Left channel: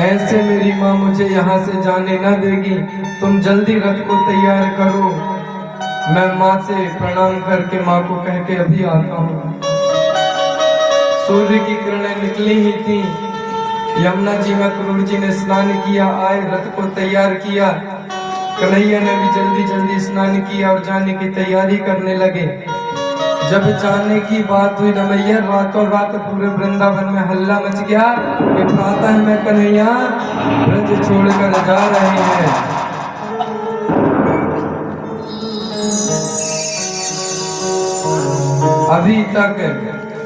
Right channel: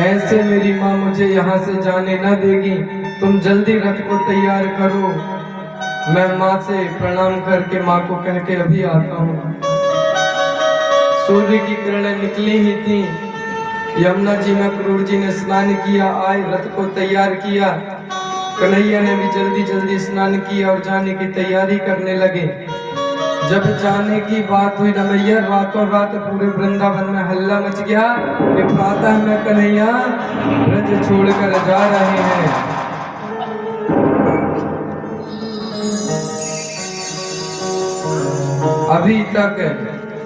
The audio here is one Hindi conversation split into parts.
ऐसे मेरी माँ मुझे यहाँ से जाने न देगी। तुम जल्दी रथ को तैयार करो। मैं माँ से प्रणाम करके माँ को कह के अभी आता हूँ। सूर्य की किरणें निकली ही थी। यमुना जी में क्रूर जी ने स्नान किया, आए रथ को तैयार किया। कन्हैया ने भी जल्दी जल्दी स्नान किया और जाने की तैयारी करने लगे। जब जाने की बात हुई रमैया, रातों रात पूरे वृंदावन में हल्ला मच गया कि प्रातः में कन्हैया ब्रज छोड़कर जा रहे हैं। अभी तक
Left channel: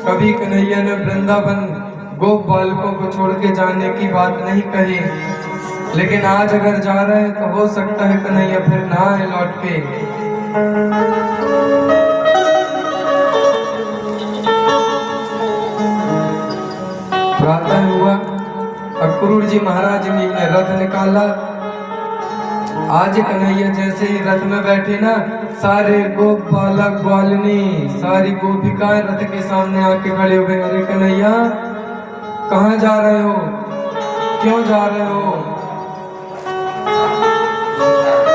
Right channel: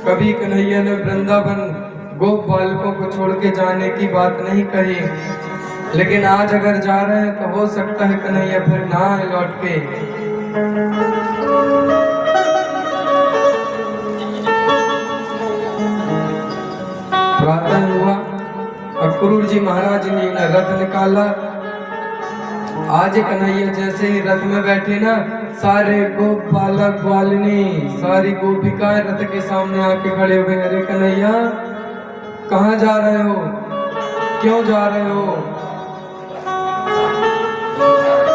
कभी कन्हैया ने वृंदावन गोप बालकों को छोड़ के जाने की बात नहीं कही, लेकिन आज अगर जा रहे हैं तो हो सकता है कन्हैया फिर ना आए लौट के। प्रातः हुआ, अक्रूर जी महाराज ने रथ निकाला। आज कन्हैया जैसे ही रथ में बैठे ना, सारे गोप बालक ग्वालिनी सारी गोपिकाएं रथ के सामने आके खड़े हो गए। अरे कन्हैया कहाँ जा रहे हो, क्यों जा रहे हो?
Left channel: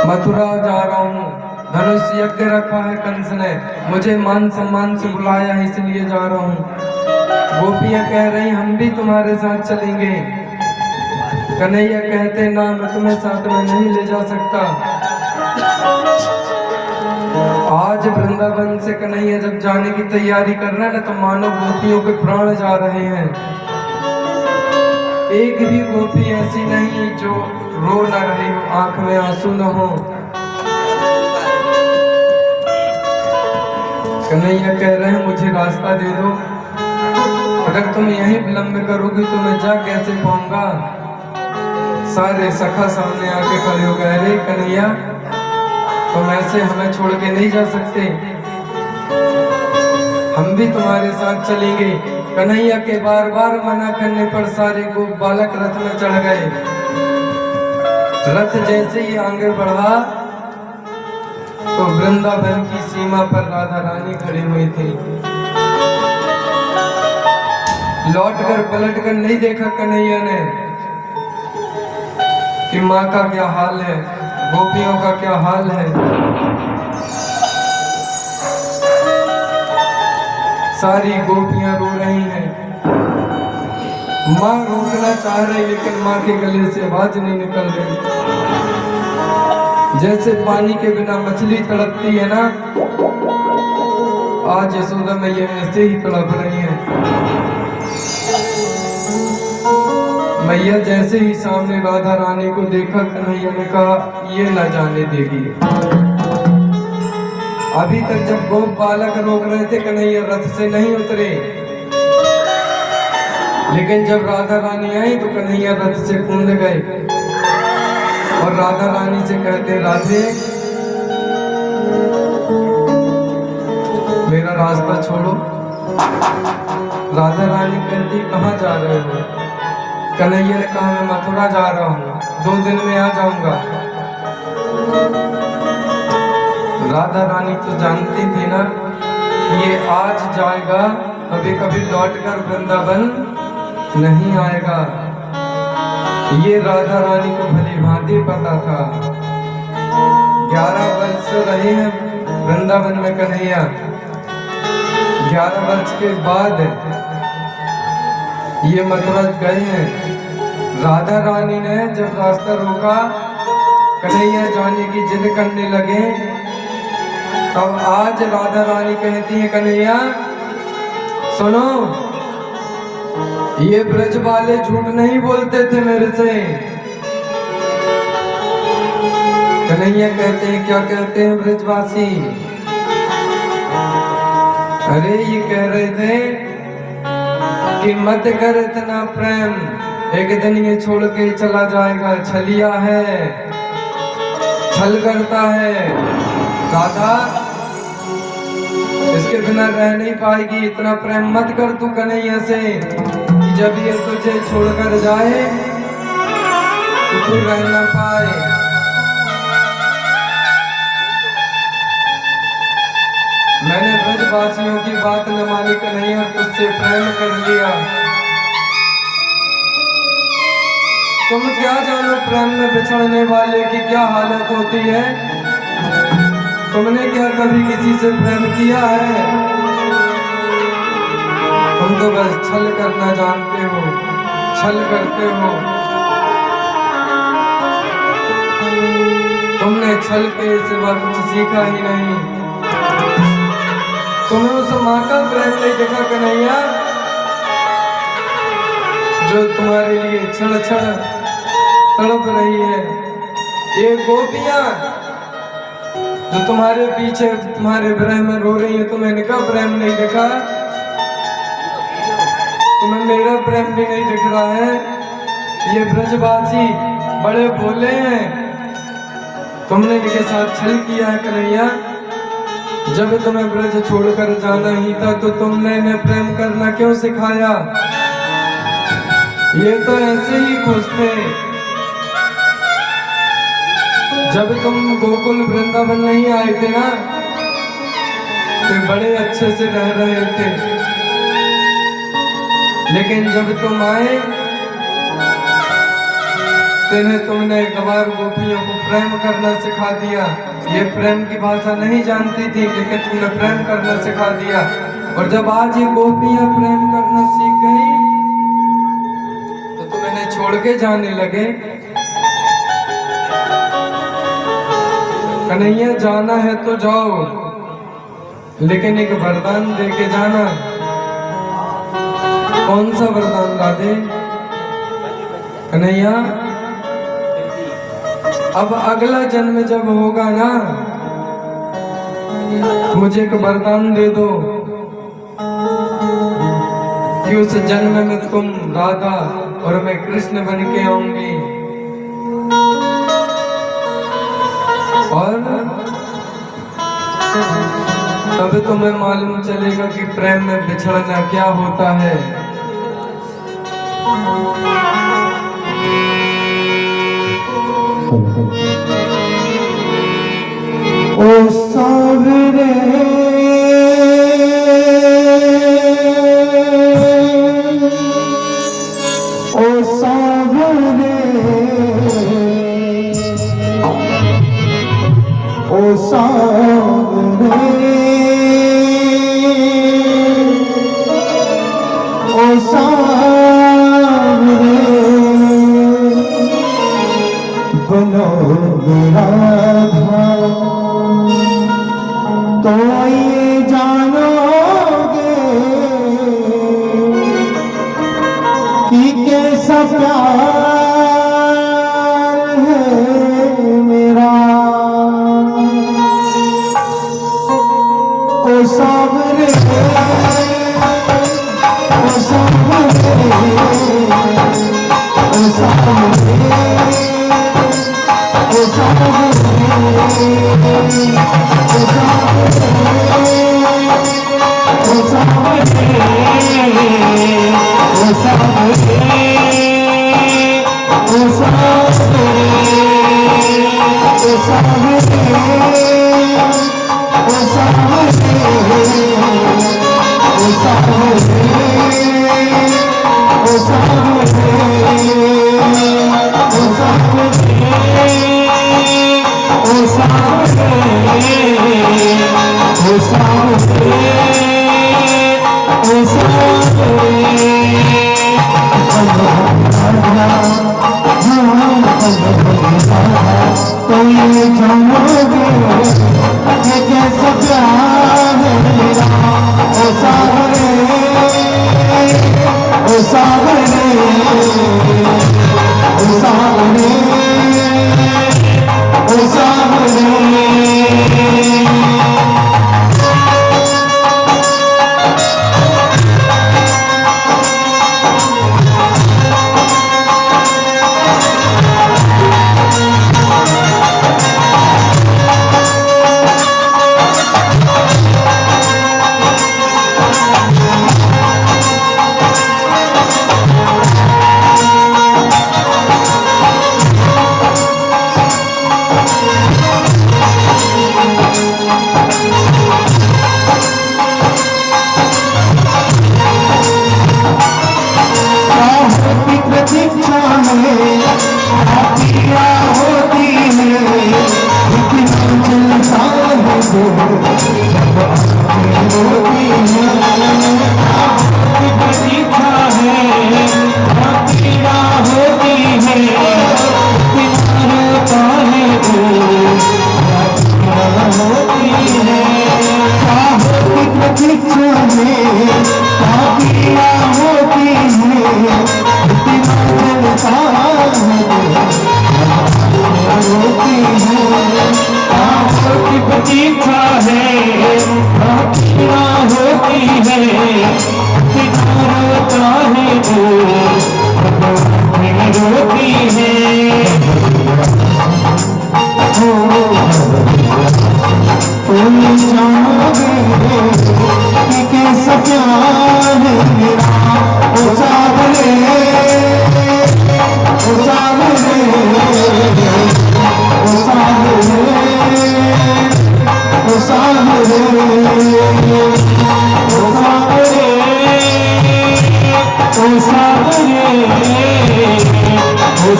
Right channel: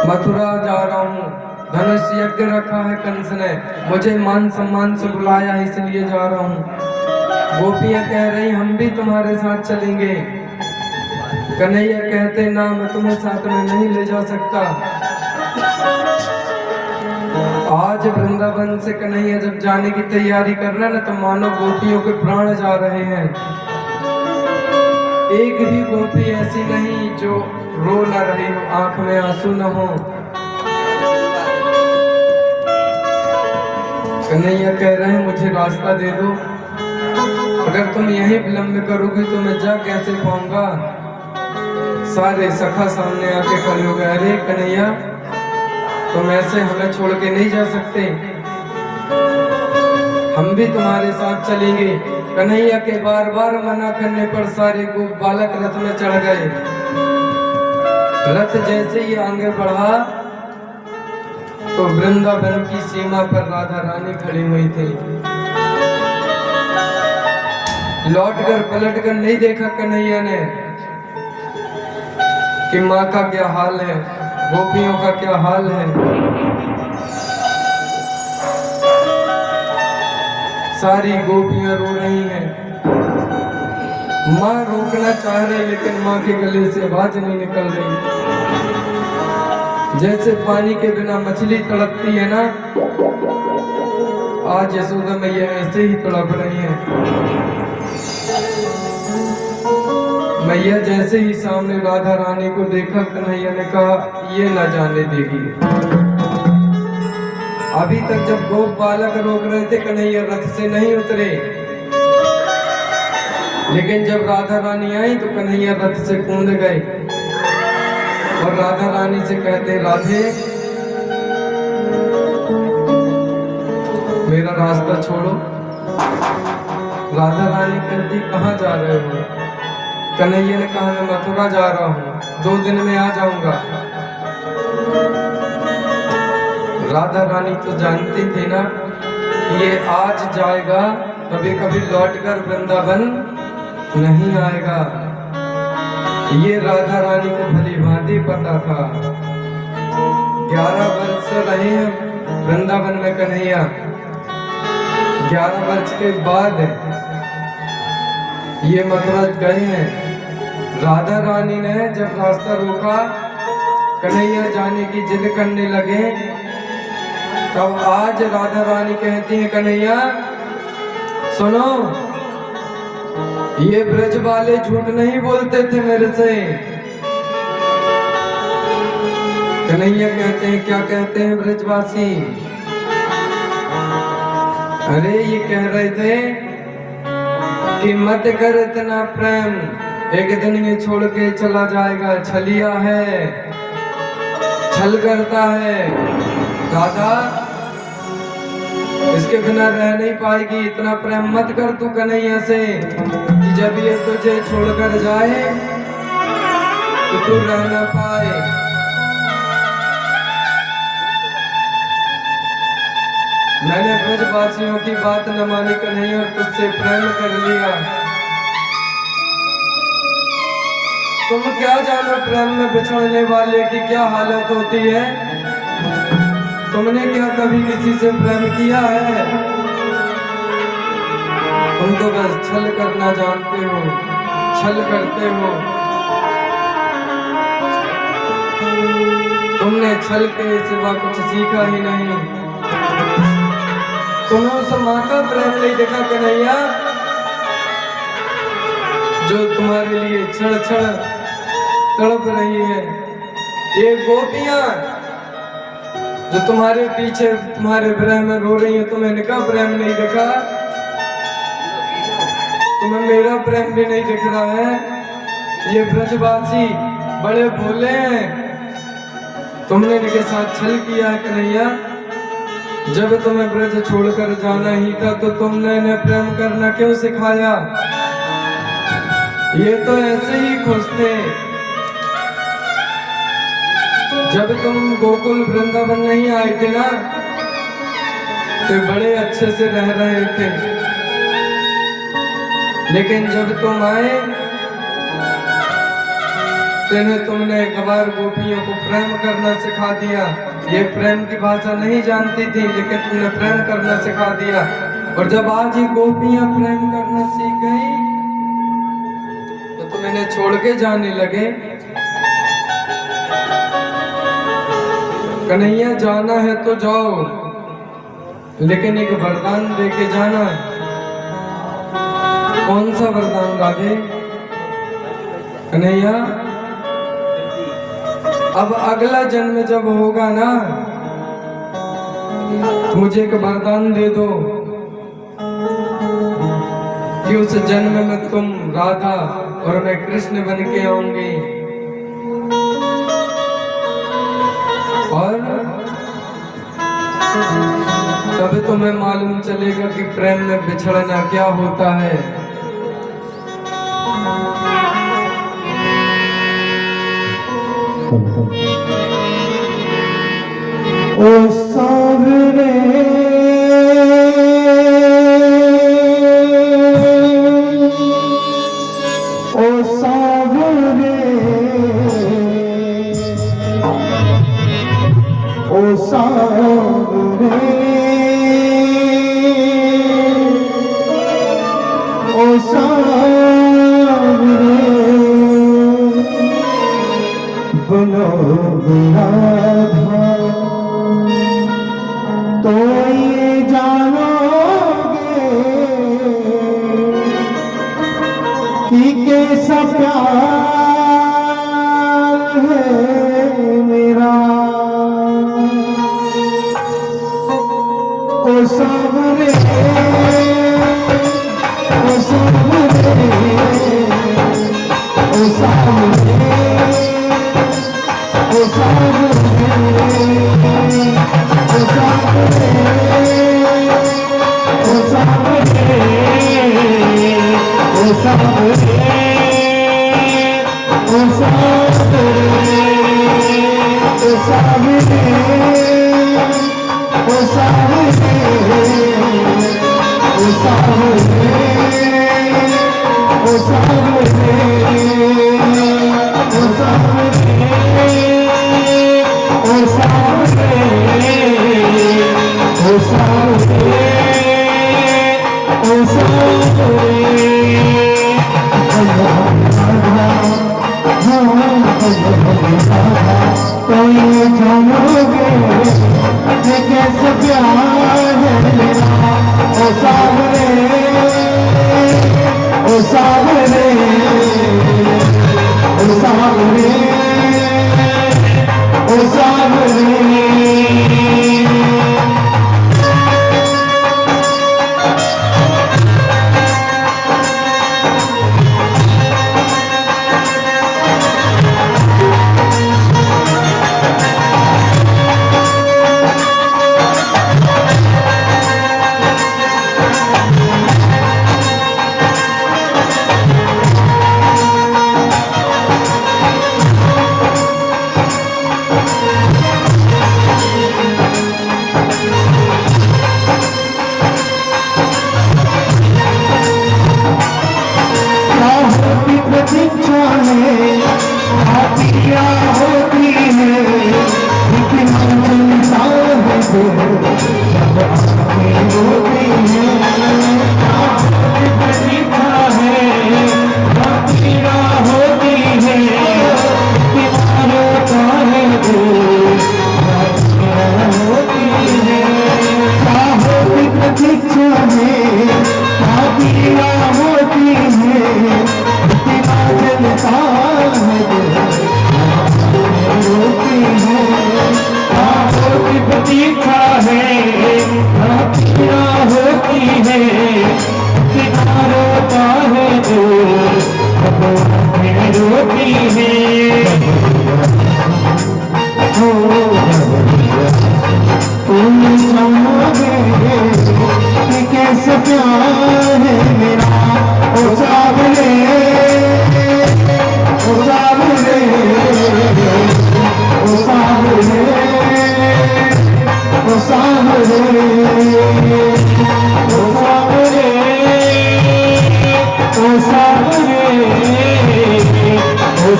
मथुरा जा रहा हूँ, धनुष यज्ञ रखा है कंस ने, मुझे मान सम्मान से बुलाया इसलिए जा रहा हूँ। गोपियां कह रही हम भी तुम्हारे साथ चलेंगे। कन्हैया कहते ना, मैं तुम्हें साथ में नहीं ले जा सकता। आज वृंदावन से कन्हैया जब जाने की तैयारी कर रहे हैं ना, तो मानो गोपियों के प्राण जा रहे हैं। एक भी गोपी ऐसी नहीं जो रो ना रही हो, आंख में आंसू न हो। कन्हैया कह रहे हैं मुझे रास्ता दे दो, अगर तुम यहीं विलंब करोगी तो मैं जा कैसे पाऊंगा। सारे सखा सामने आके खड़े हो गए। अरे कन्हैया तुम ऐसे हमें छोड़ के नहीं जा सकते, हम भी तुम्हारे साथ चलेंगे। कन्हैया के बार बार मना करने पर सारे गोप बालक रथ में चढ़ गए। रथ जैसे ही आगे बढ़ा तो वृंदावन की सीमा पर राधा रानी खड़ी हुई थी। लौटकर पलटकर नहीं देखा कन्हैया ने कि माँ का क्या हाल है, गोपियों का क्या हाल है। सारी गोपियां रो रही हैं। माँ रोकना चाह रही लेकिन माँ के गले से आवाज नहीं निकल रही। जैसे पानी के बिना मछली तड़पती है ना, आज यशोदा मैया ऐसे ही तड़प रही है। मैया जैसे ही सामने राधा रानी को देखा, कन्हैया ने कहा ये न जाने देगी। अभी तक जब गोप बालक रोक रहे थे, कन्हैया रथ से नहीं उतरे, लेकिन जब राधा रानी आई तो कन्हैया रथ से कूद गए और राधा रानी से कहते राधे मेरा रास्ता छोड़ो। राधा रानी कहती कहाँ जा रहे हो? कन्हैया ने कहा मैं मथुरा जा रहा हूँ, 2 दिन में आ जाऊंगा। राधा रानी तो जानती थी ना कि ये आज जाएगा, कभी कभी लौटकर वृंदावन नहीं आएगा। ये राधा रानी को भली भांति पता था। 11 वर्ष रहे हैं वृंदावन में कन्हैया। 11 वर्ष के बाद ये मथुरा गए हैं। राधा रानी ने जब रास्ता रोका, कन्हैया जाने की जिद करने लगे, तब आज राधा रानी कहती है कन्हैया सुनो, ये ब्रज वाले झूठ नहीं बोलते थे मेरे से। कन्हैया कहते हैं क्या कहते हैं ब्रजवासी? अरे ये कह रहे थे कि मत कर इतना प्रेम, एक दिन ये छोड़ के चला जाएगा, छलिया है, छल करता है। दादा इसके बिना रह नहीं पाएगी, इतना प्रेम मत कर तू कन्हैया से कि जब ये तुझे छोड़कर जाए तो तू रह ना पाए। मैंने ब्रजवासियों की बात न मानी कन्हैया और तुझसे प्रेम कर लिया। तुम क्या जानो प्रेम में बिछड़ने वाले की क्या हालत होती है। तुमने क्या कभी किसी से प्रेम किया है? तुम तो बस छल करना जानते हो, छल करते हो। तुमने छल के सिवा कुछ सीखा ही नहीं। तुम्हें उस माँ का प्रेम नहीं देखा कन्हैया, जो तुम्हारे लिए क्षण क्षण तड़प रही है। ये गोपियां जो तुम्हारे पीछे तुम्हारे विरह में रो रही है, तुम्हें इनका प्रेम नहीं दिखा? तुम्हें मेरा प्रेम भी नहीं दिख रहा है? ये ब्रजवासी बड़े भोले हैं। तुमने इनके साथ छल किया है कन्हैया। जब तुम्हें ब्रज छोड़कर जाना ही था तो तुमने इन्हें प्रेम करना क्यों सिखाया? ये तो ऐसे ही खुश थे। जब तुम गोकुल वृंदावन नहीं आए थे ना, तो बड़े अच्छे से रह रहे थे। लेकिन जब तुम आए तो तुमने गवार गोपियों को प्रेम करना सिखा दिया। ये प्रेम की भाषा नहीं जानती थी, लेकिन तुमने प्रेम करना सिखा दिया। और जब आज ये गोपियां प्रेम करना सीख गई तो तुम इन्हें छोड़ के जाने लगे। कन्हैया जाना है तो जाओ, लेकिन एक वरदान दे के जाना। कौन सा वरदान राधे? कन्हैया अब अगला जन्म जब होगा ना, मुझे एक वरदान दे दो कि उस जन्म में तुम राधा और मैं कृष्ण बन के आऊंगी। और तब तुम्हें मालूम चलेगा कि प्रेम में बिछड़ना क्या होता है। ओ सावरे ओ सावरे ओ सावरे ओ सावरे बनो राधा तो ये जानोगे कि कैसा प्यार है मेरा। ओ सावरे ओ सावरे ओ सावरे ओ सावरे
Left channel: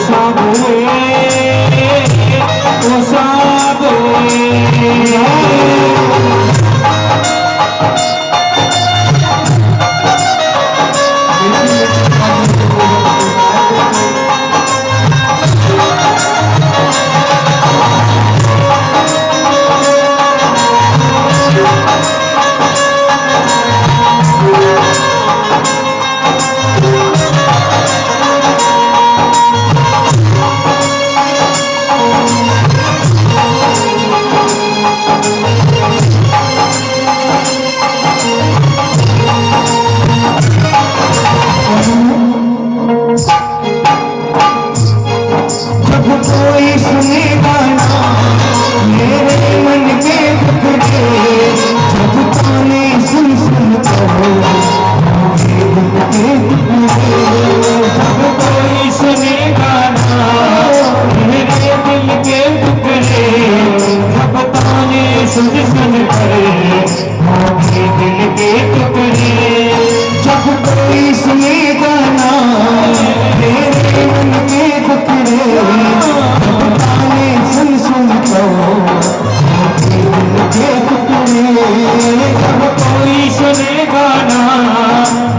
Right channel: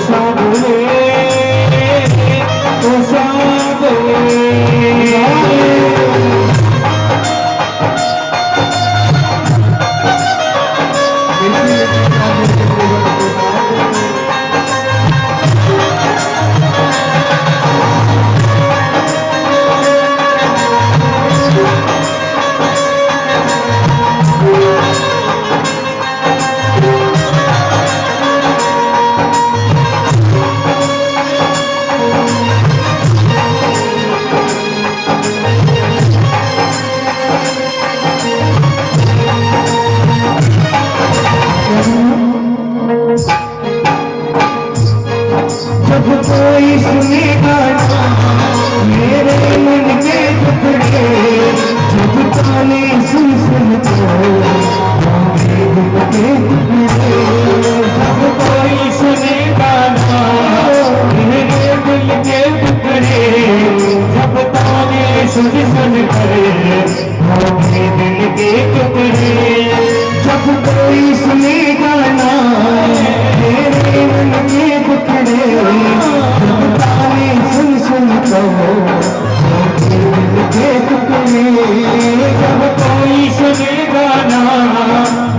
सावरे ओ सावरे जब कोई सुनेगा ना मेरे मन के टुकड़े, जब ताने सुन सुन कर होंगे दिल के टुकड़े, जब कोई सुनेगा ना मेरे दिल के टुकड़े, जब ताने सुन सुन कर होंगे दिल के टुकड़े, जब कोई सुनेगा ना मेरे मन के टुकड़े, जब ताने सुन सुन कर होंगे दिल के टुकड़े, जब कोई सुनेगा ना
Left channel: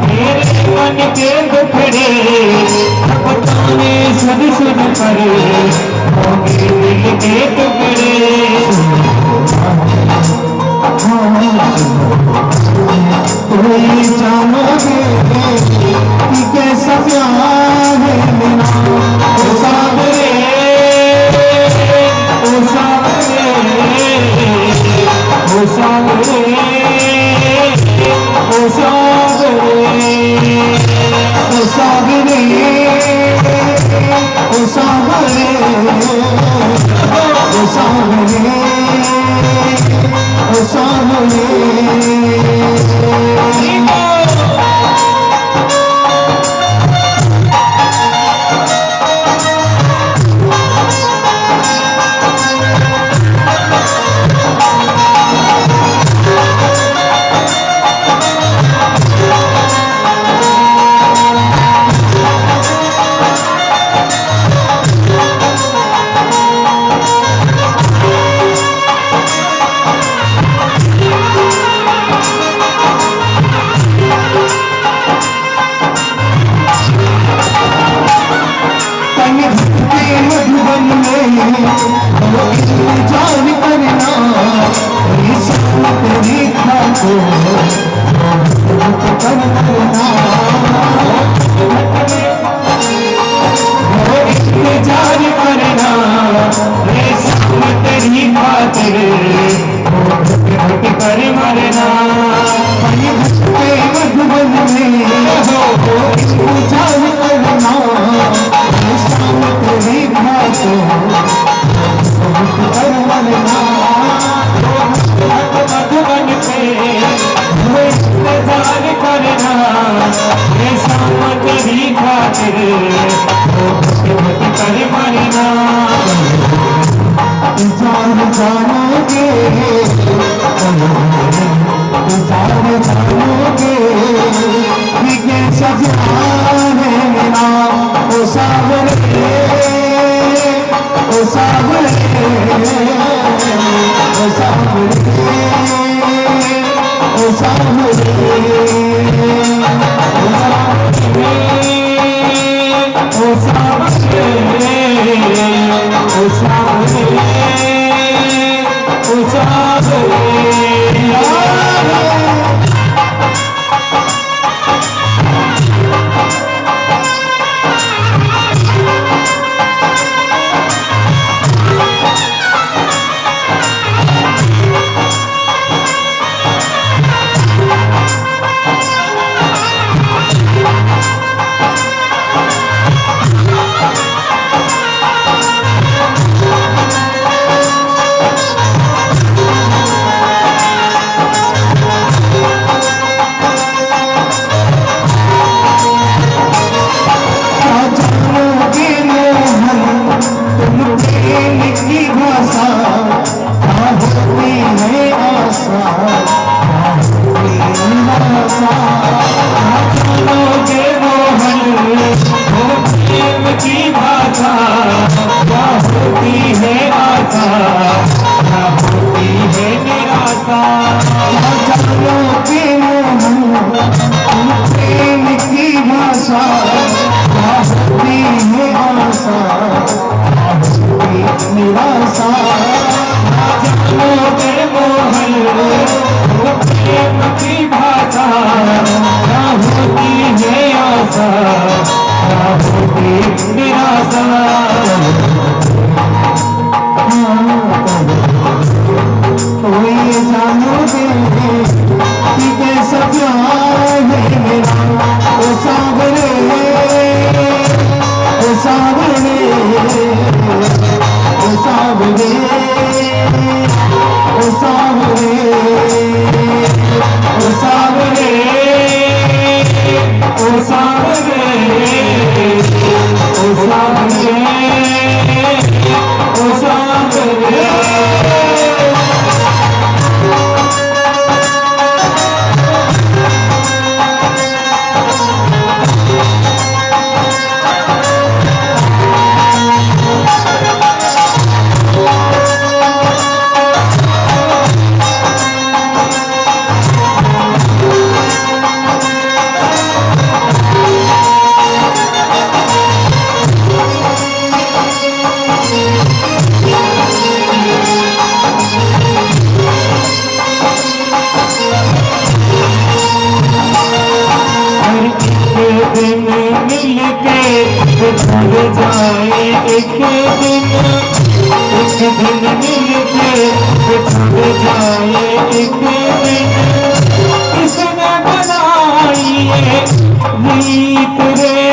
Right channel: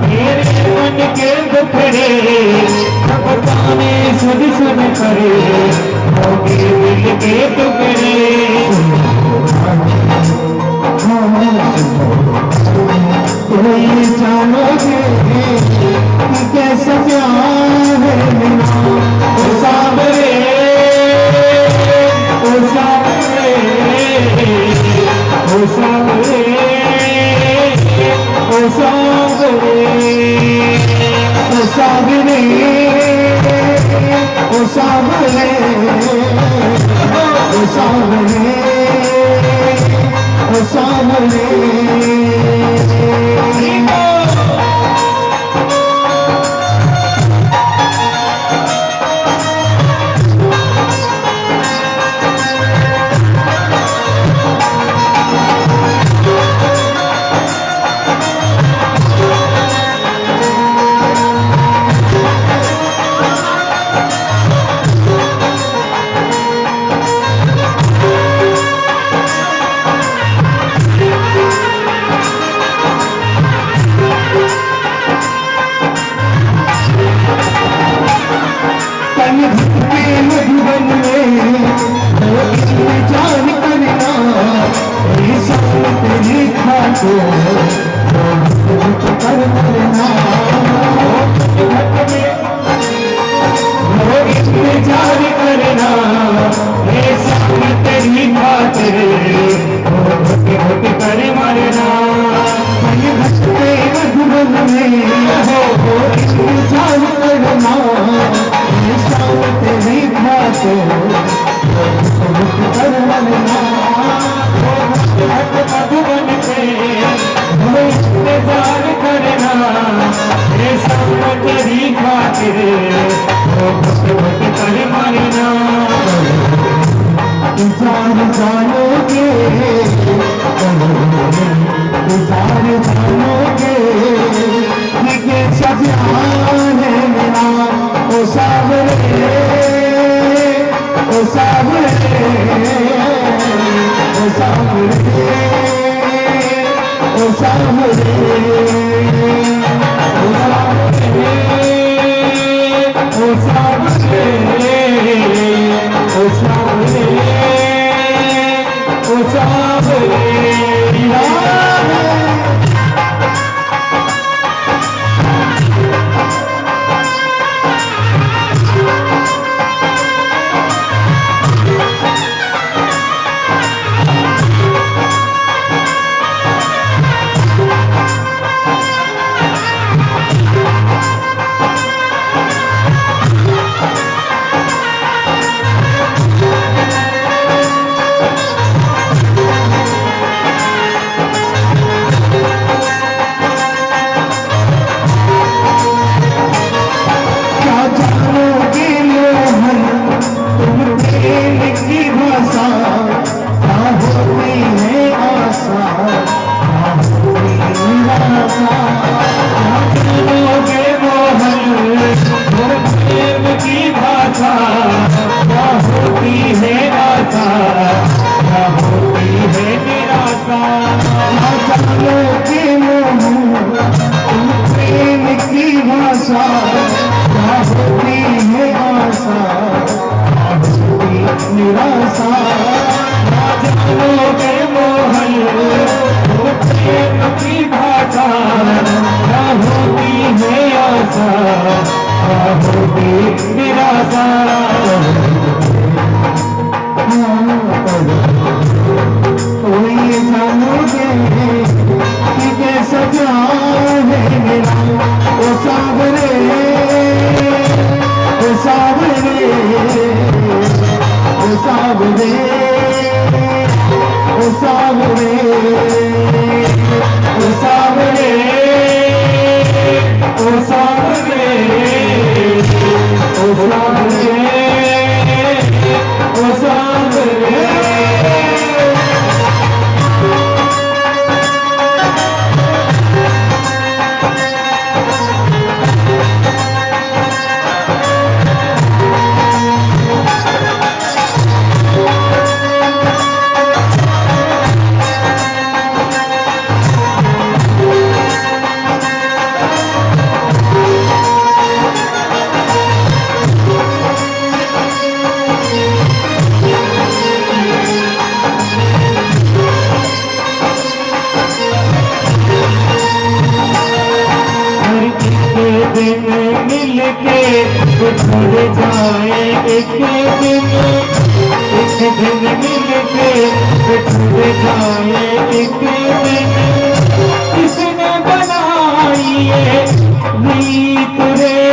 मेरे मन के टुकड़े, जब ताने सुन सुन कर होंगे दिल के टुकड़े, कोई जानोगे कि कैसा प्यार है मेरा ओ सावरे ओ सावरे ओ सावरे ओ सावरे ओ सावरे ओ सावरे ओ सावरे ओ सावरे जानोगे कि कैसा प्यार है मेरा ओ सावरे ओ सावरे ओ सावरे ओ सावरे ओ सावरे ओ सावरे ओ सावरे सावरे ओ सावरे ओ सावरे ओ सावरे ओ सावरे ओ सावरे दिन मिलके बिछड़ जाए एक दिन मिलके बिछड़ जाए एक दिन किसने बनाई ये रीत रे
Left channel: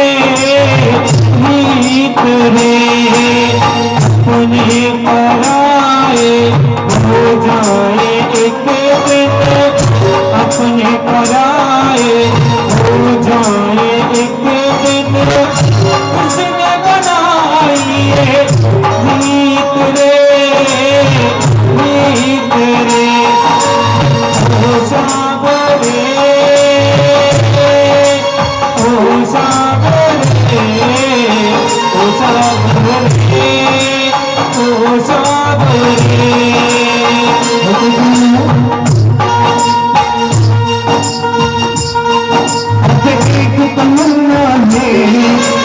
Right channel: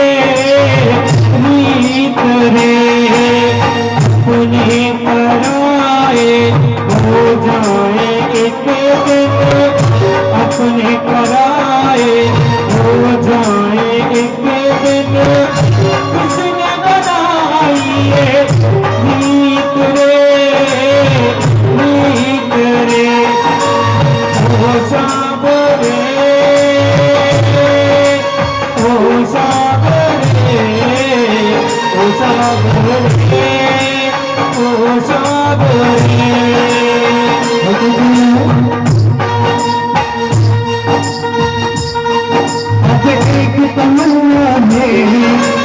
तुझे पराए हो जाए एक दिन अपने पराए हो जाए एक दिन उसने बनाई ये रीत रे ओ सावरे ओ सावरे ओ सावरे ओ सावरे एक तमन्ना है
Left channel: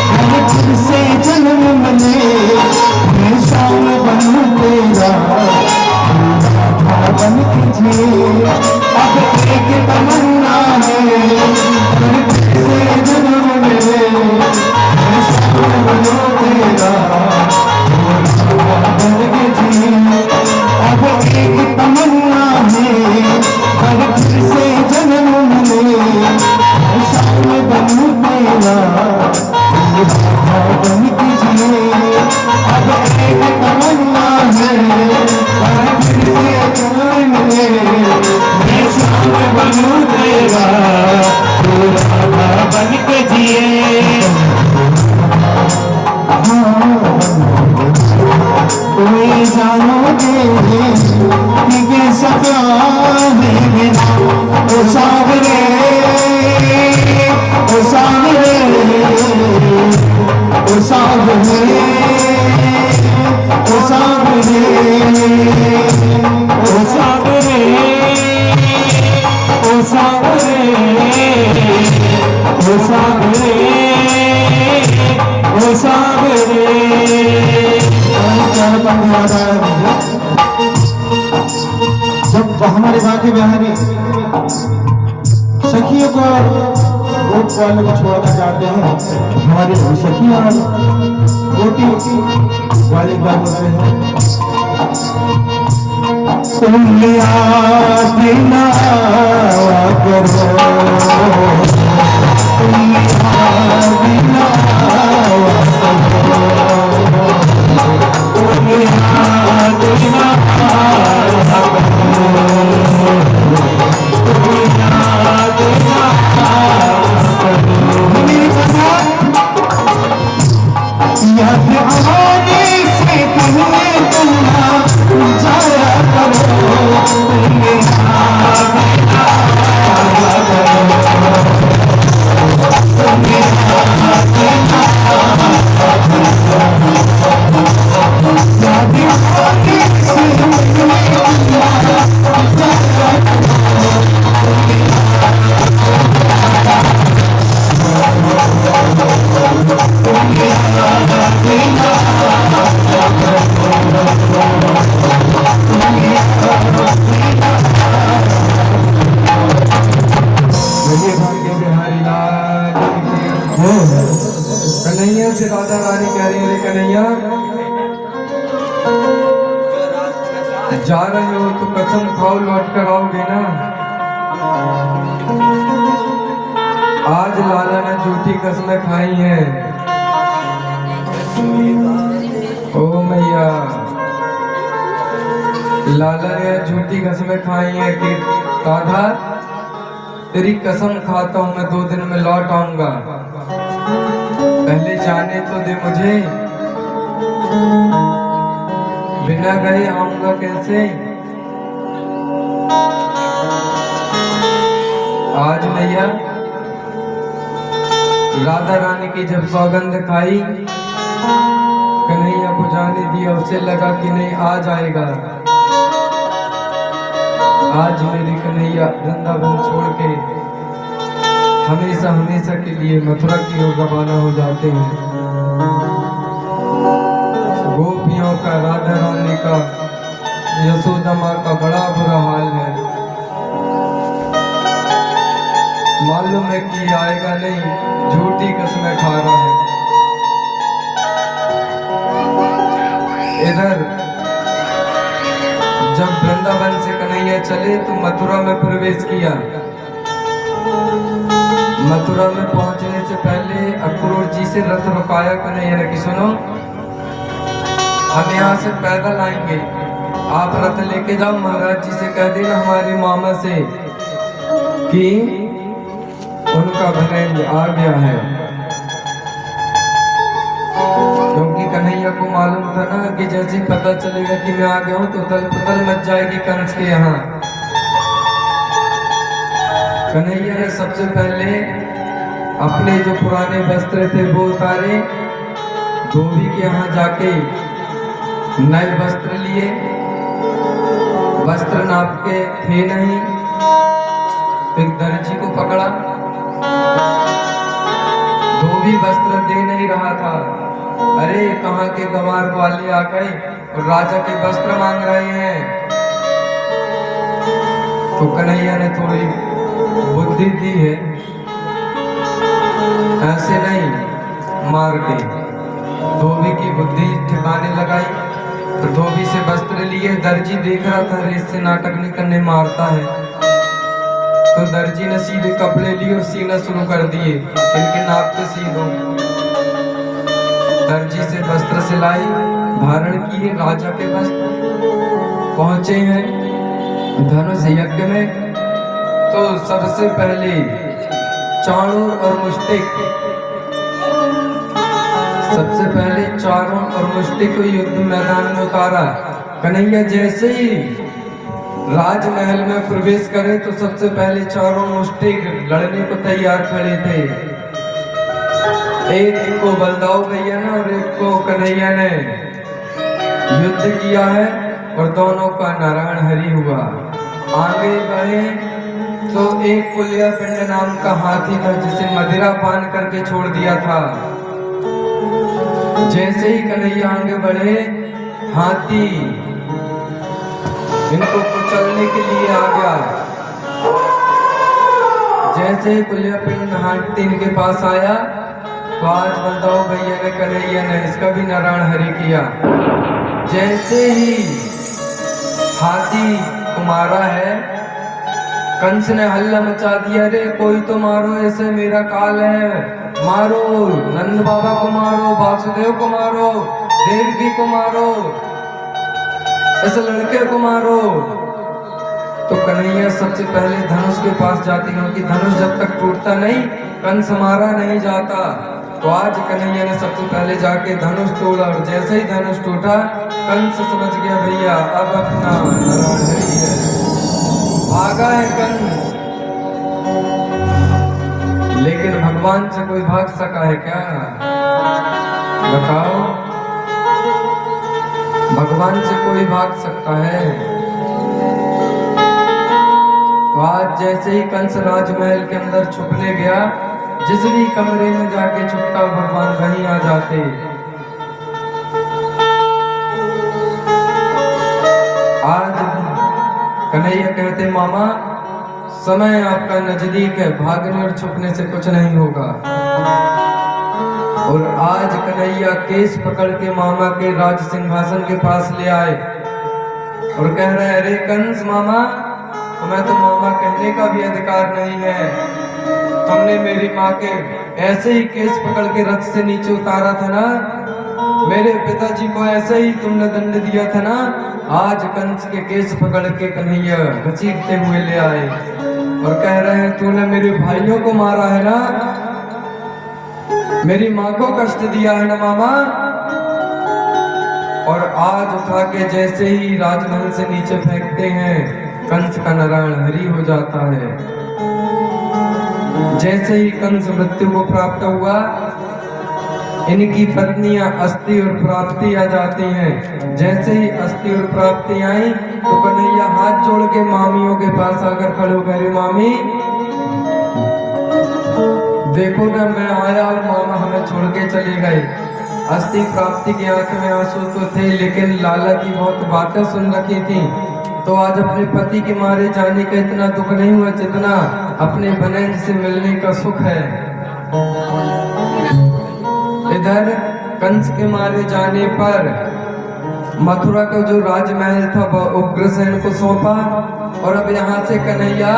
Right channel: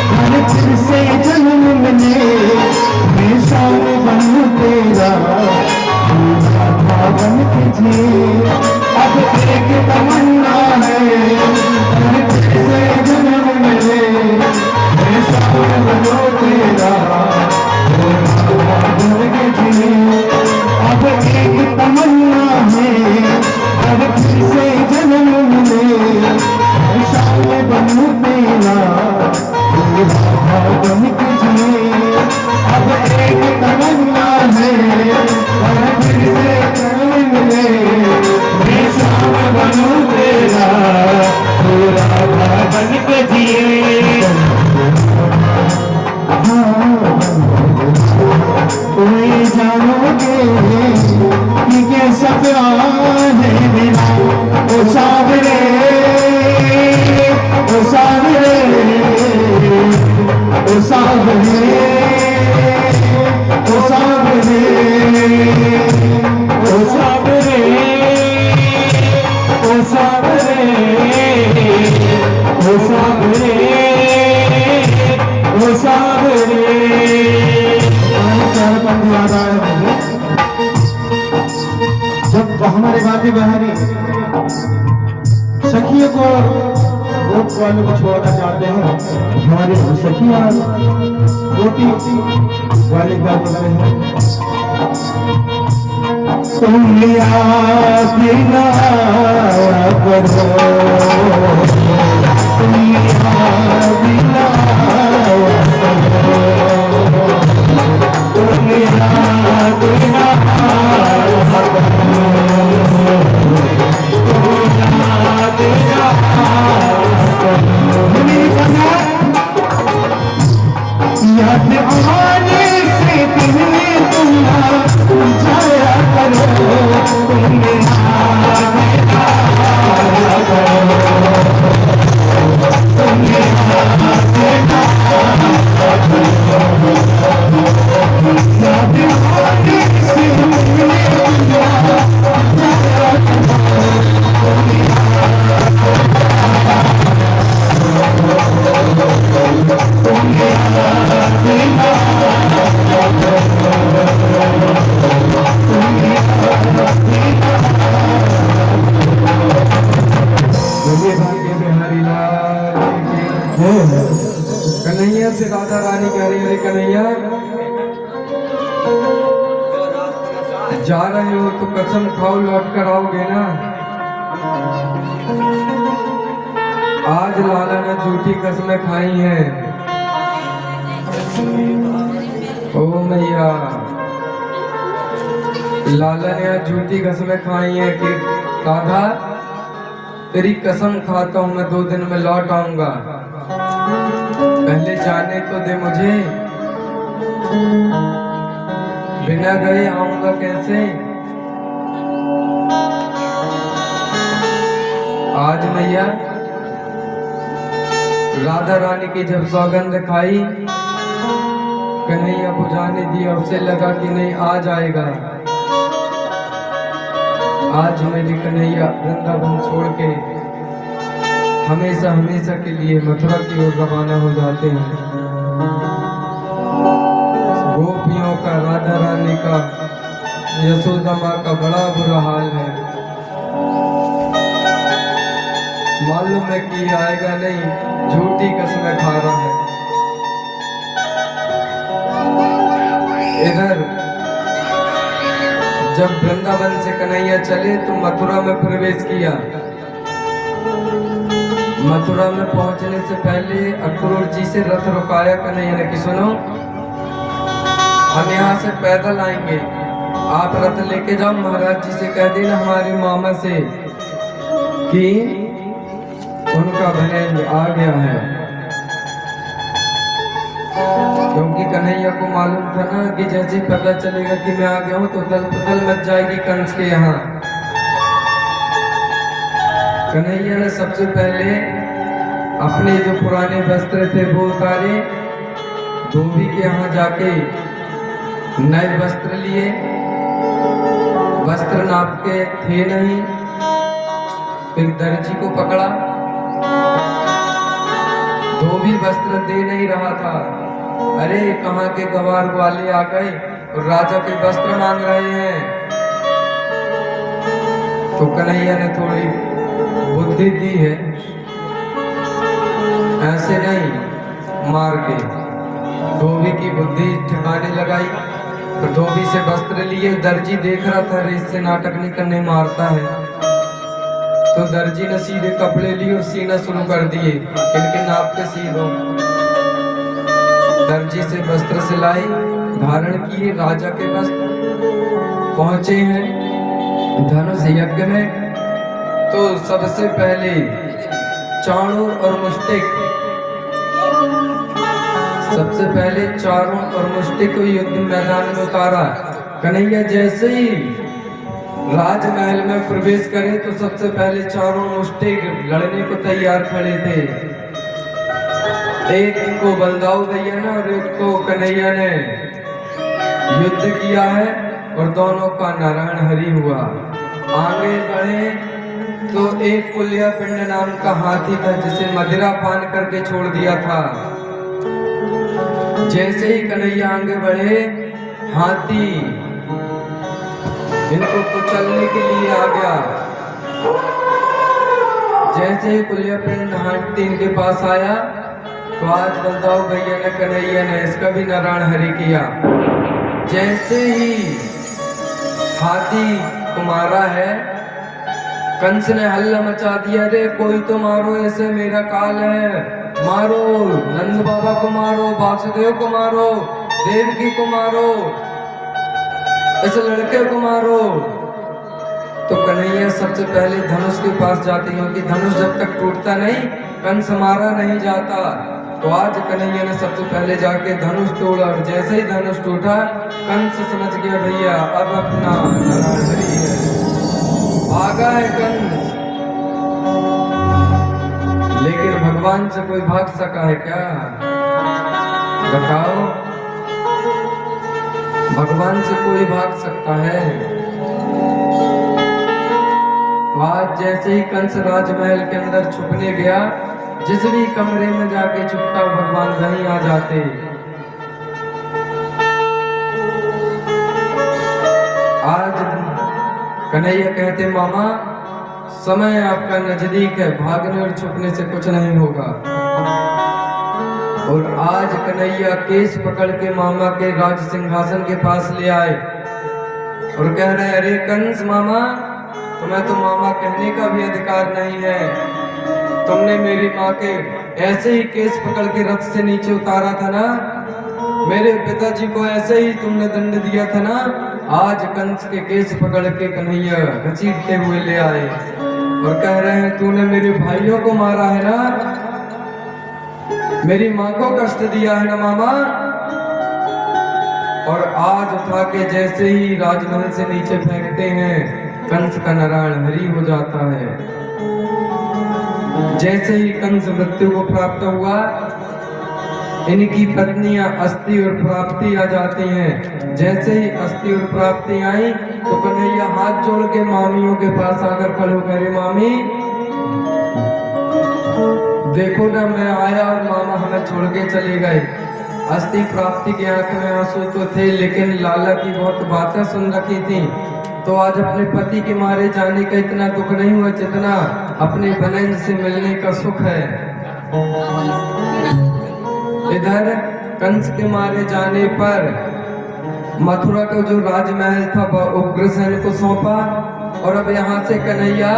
हर फिर से जन्म मिले मैं शाम बनूं तेरा बन के जी अब एक तमन्ना है हर फिर से जन्म मिले मैं शाम बनूं तेरा बन के जी अब एक तमन्ना है हर फिर से जन्म मिले बनू तेरा बन के जिए अब एक तमन्ना है और फिर से कल मिले मैं शाम बनू तेरा तू राधा बन के जिए कोई जानोगे कि कैसा प्यार है मेरा ओ सावरे ओ सावरे ओ सावरे ओ सावरे ओ सावरे ओ सावरे ओ सावरे ओ सावरे याद आया मुझे जब हमारे वादी बहनी सखियों को गोप वाले को छोड़कर जाते हैं हमारे सखियां गोटी वाले क्या बोलते हैं तुम याद न आया करो तुम याद न आया करो तुम याद न आया करो तुम याद न याद आने से पहले तुम जाया करो तुम याद न आया करो तुम याद न आया करो याद आने से पहले तुम जाया कन्हैया से राधा रानी कह रही है कन्हैया जा रहे हो तो कसम खाओ लौट कर आओगे ना। आज लाला ने झूठी कसमें खाई हैं। ओ मैया लाला ने आज झूठी कसमें खाई है कि राधा तेरी कसम खाता हूं मैं 2 दिन में लौट आऊंगा, पहले जाने तो दे मुझे, बिना गए आऊंगा कैसे। आज मैया राधा रानी की जब सौगंध खाई, कन्हैया को जाने दिया, उसे लगा कि नहीं आज आएगा। आज मेरी कन्हैया वृंदावन छोड़ के हमेशा हमेशा के लिए मथुरा की ओर रवाना हो जाते हैं। गोपियों का, राधा रानी का, यशोदा माँ का बड़ा बुरा हाल है। मालूम है कि आएगा नहीं, झूठी कसमें खा रहा है। इधर जब वृंदावन से कन्हैया चले तो मथुरा में प्रवेश किया। मथुरा में पहुंचने से पहले अक्रूर जी से रथ रुकाया कन्हैया ने कि सुनो, हम यहाँ से पैदल आएंगे, आप रथ लेके जाओ, महाराज जी से कह देना हमारे मामा से कि उनका भरेंज आ गया है। क्योंकि कन्हैया को मालूम था ना कि जैसे ही पता चलेगा कि मैं आ गया हूं तो तल पतल मच जाएगी कंस के यहाँ। कन्हैया ने सबसे पहले अपने जो पुराने वस्त्र थे वो उतारे, धोबी के यहाँ जाके नए वस्त्र लिए। वस्त्र नाप के थे नहीं, फिर दर्जी को पकड़ा, धोबी वस्त्र दे नहीं रहा था। अरे कहाँ के गवार वाले आ गए और राजा के वस्त्र मांग रहे हैं। तो कन्हैया ने थोड़ी बुद्धि दी है, ऐसे नहीं मार के धोबी की बुद्धि ठिकाने लगाई। तो धोबी से वस्त्र लिए, दर्जी देख रहा था रेस से नाटक नहीं करने मारता है, तो दर्जी ने सीधे कपड़े लिए और सीना शुरू कर दिए, इनके नाप के सी दो। दर्जी से वस्त्र सिलाई, धारण किए राजा के वस्त्र। पहुंचे हैं धनुष यज्ञ में, तो सबसे पहले चाणूर और मुष्टिक, सबसे पहले चारों और मुष्टिक को युद्ध मैदान में उतारा। कन्हैया जैसे ही राजमहल में प्रवेश करे तो सबसे पहले चारों मुष्टिक लड़ने को तैयार खड़े थे। एक को बलदाऊ भैया ने और एक को कन्हैया ने युद्ध किया है और दोनों का नारायण हरि हुआ। आगे बढ़े तो एक कुलिया पिंड नाम का हाथी था जिसे मदिरा पान करके छोड़ दिया था। जैसे ही कन्हैया आगे बढ़े, हाथी इनको कुचलने के लिए आ गया। जैसे ही कुलिया पिंड हाथी इनके पास आया तो आज बलदाऊ भैया ने, कन्हैया ने इसका भी नारायण हरि किया। जैसे ही हाथी को मारा है, कंस ने हल्ला मचा दिया, रे कोई तो मारो, ऐसे मेरा काल है, मारो, नंद बाबा को मारो, वासुदेव को मारो, देवकी को मारो, ऐसे लड़के को मारो। तो कन्हैया सबसे पहले धनुष के पास जाते हैं, क्योंकि धनुष जब तक टूटता नहीं कंस मारा नहीं जाता। तो आज कन्हैया ने सबसे पहले जाके धनुष तोड़ा और जैसे ही धनुष टूटा कंस समझ गया भैया अब अपना नारायण हरि है, भागा है कंस। लेकिन भगवान से कोई भाग सका है क्या? बताओ, भगवान से कोई भाग सकता है? तो आज जैसे ही कंस राजमहल के अंदर छुपने गया, जिस भी कमरे में जाके छुपता भगवान वहीं आ जाते। आज कन्हैया कहते मामा समय आपका नजदीक है, भागने और छुपने से कुछ नहीं होगा। और आज कन्हैया केस पकड़ के मामा के राज सिंहासन के पास ले आए और कह रहे, अरे कंस मामा, तुम्हें तो मामा कहने का भी अधिकार नहीं है। तुमने मेरी माँ के ऐसे ही केस पकड़ के रथ से नीचे उतारा था ना, मेरे पिताजी को ऐसे ही तुमने दंड दिया था ना, आज कंस के केस पकड़ के कन्हैया घसीटते हुए ले आए और कह रहे हैं तूने मेरे भाइयों को मारा है ना, मेरी माँ को कष्ट दिया है ना मामा। और आज उठा के जैसे ही राजमहल से नीचे फेंकते हैं, कंस का नारायण हरि हो जाता है। जैसे ही कंस मृत्यु को प्राप्त हुआ, इनकी पत्नियां अस्थि और प्राप्ति आ जाती हैं। जैसे ही अस्थि और प्राप्ति आई तो कन्हैया हाथ जोड़ के मामियों के पास आकर खड़े हो गए, मामी देखो ना मैं आया और मामा हमें छोड़ के चले गए। अस्थि प्राप्ति की आंख में आंसू तो थे, लेकिन लाला की बहुत बातें सुन रखी थी, तो आज अपने पति के मारे जाने का इतना दुख नहीं हुआ जितना अपने बहन से मिलने का सुख है। इधर कंस के मारे जाने पर मथुरा का जो राजमहल था वह उग्रसेन को सौंपा और अब यहाँ से कन्हैया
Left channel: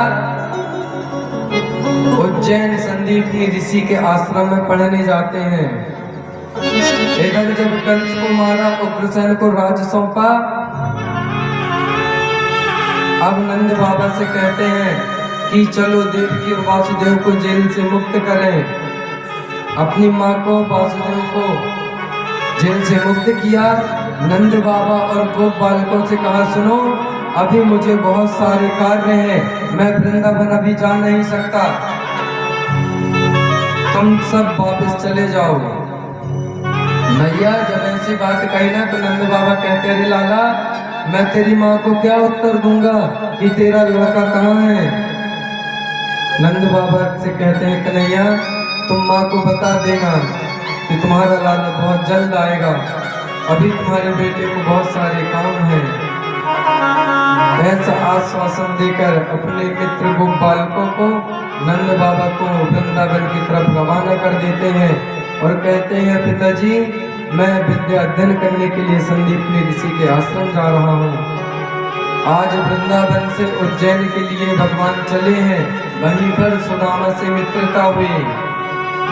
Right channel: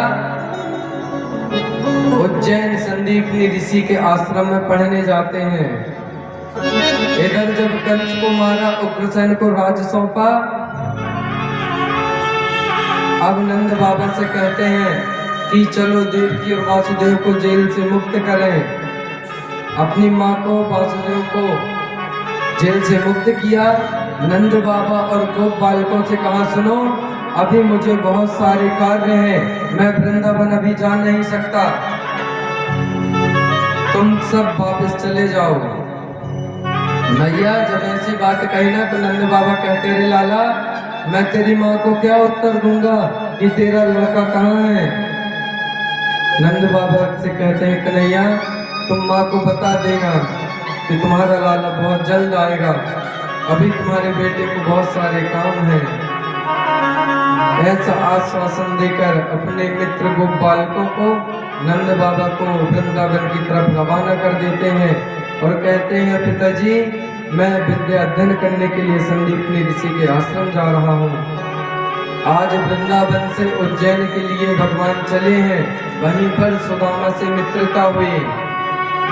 उज्जैन संदीपनी ऋषि के आश्रम में पढ़ने जाते हैं। इधर जब कंस को मारा, उग्रसेन को राज सौंपा, अब नंद बाबा से कहते हैं कि चलो देवकी और वासुदेव को जेल से मुक्त करें। अपनी माँ को, वासुदेव को जेल से मुक्त किया। नंद बाबा और गोप बालकों से कहा सुनो, अभी मुझे बहुत सारे कार्य हैं, मैं वृंदावन अभी जा नहीं सकता, तुम सब वापस चले जाओ। मैया जब ऐसी बात कही ना तो नंद बाबा कहते अरे लाला मैं तेरी माँ को क्या उत्तर दूंगा कि तेरा लड़का कहाँ है। नंद बाबा से कहते हैं कन्हैया तुम माँ को बता देना कि तुम्हारा लाला बहुत जल्द आएगा, अभी तुम्हारे बेटे को बहुत सारे काम हैं। ऐसा आश्वासन देकर अपने मित्र गोप बालकों को नंद बाबा को वृंदावन की तरफ रवाना कर देते हैं और कहते हैं पिताजी मैं विद्या अध्ययन करने के लिए संदीपनी ऋषि के आश्रम जा रहा हूँ। आज वृंदावन से उज्जैन के लिए भगवान चले हैं, वहीं पर सुदामा से मित्रता हुई,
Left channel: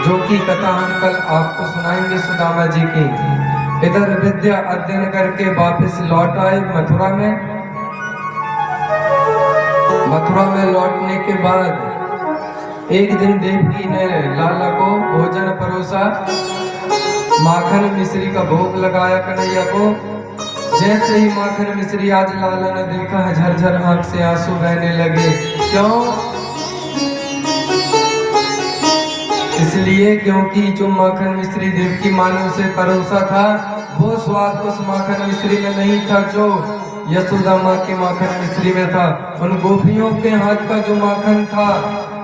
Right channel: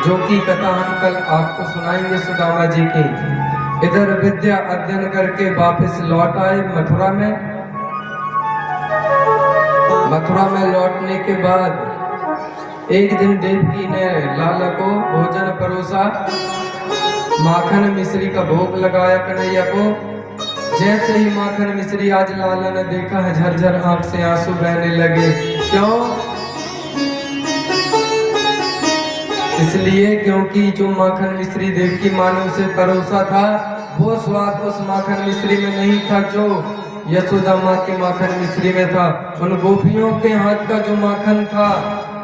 जो की कथा हम कल आपको सुनाएंगे सुदामा जी की। इधर विद्या अध्ययन करके वापस लौट आए मथुरा में। मथुरा में लौटने के बाद एक दिन देवकी ने लाला को भोजन परोसा, माखन मिश्री का भोग लगाया कन्हैया को। जैसे ही माखन मिश्री आज लाला ने देखा है, झरझर आंख से आंसू बहने लगे। क्यों? इसलिए क्योंकि जो माखन मिश्री देवकी माँ ने उसे परोसा था, वो स्वाद उस माखन मिश्री में नहीं था जो यशोदा माँ के माखन मिश्री में था। उन गोपियों के हाथ का जो माखन था,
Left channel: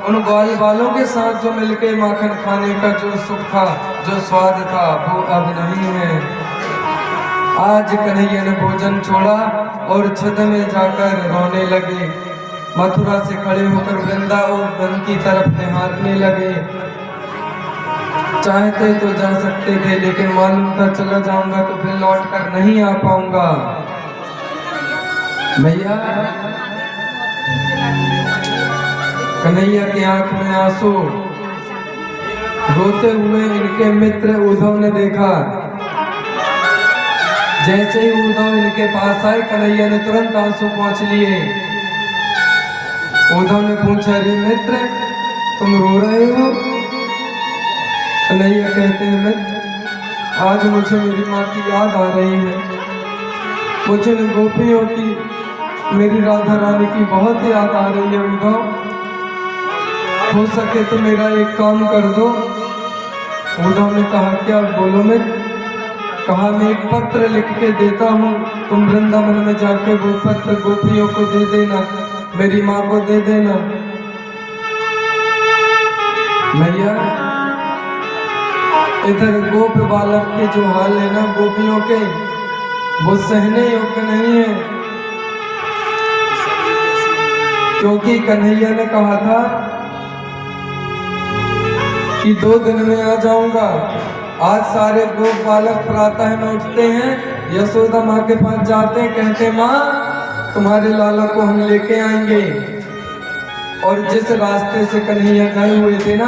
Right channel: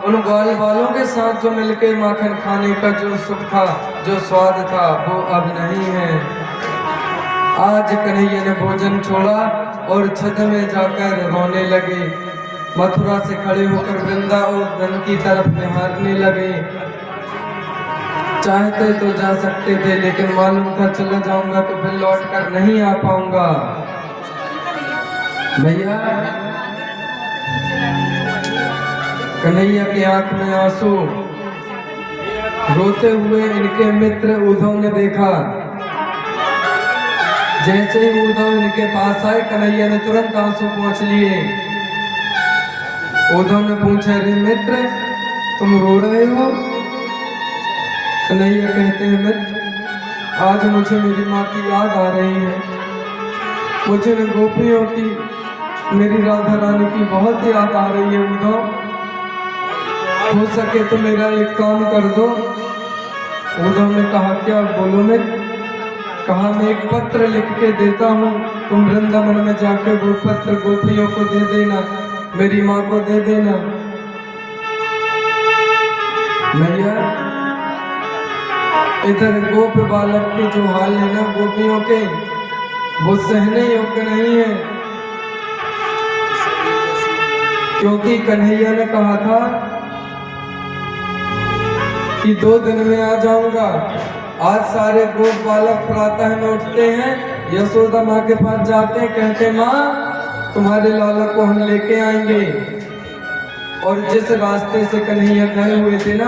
उन ग्वाल बालों के साथ जो मिलके माखन खाने का जो सुख था, जो स्वाद था, वो अब नहीं है। आज कन्हैया ने भोजन छोड़ा और छत में जाकर रोने लगे। मथुरा से खड़े होकर वृंदावन की तरफ निहारने लगे। चाहते तो जा सकते थे, लेकिन मालूम था चला जाऊंगा तो फिर लौट कर नहीं आ पाऊंगा। भैया कन्हैया की आंख में आंसू, रोते हुए इनके मित्र उद्धव ने देखा। जैसे ही उद्धव इनके पास आए, कन्हैया ने तुरंत आंसू पोंछ लिए। उद्धव ने पूछा अरे मित्र तुम रो रहे हो? कन्हैया कहते हैं मित्र आज मुझे मेरी माँ की याद आ रही है, मुझे न गोपियों की, मेरी राधा रानी की बहुत याद आ रही है। उद्धव हो सके तो मेरा एक काम कर दो। उद्धव ने कहा क्या? बोलो मित्र। कहा मैं एक पत्र लिख के देता हूँ, तुम वृंदावन में जाके वो पत्र गोपियों को दे देना, मेरी माँ को दे देना। भैया इधर गोप बालक के जो हाल है ना गोपियों के, वो सहने योग्य नहीं है, क्योंकि कन्हैया ने कहा था कि 2 दिन में आ जाऊंगा। आज सारे गोप बालक प्रातः में उठते हैं, यशोदा माँ के पास जाते हैं, कहते माँ तुम्हारे लाला को हम लेके आएंगे। और जिस रास्ते से कन्हैया गए हुए थे ना,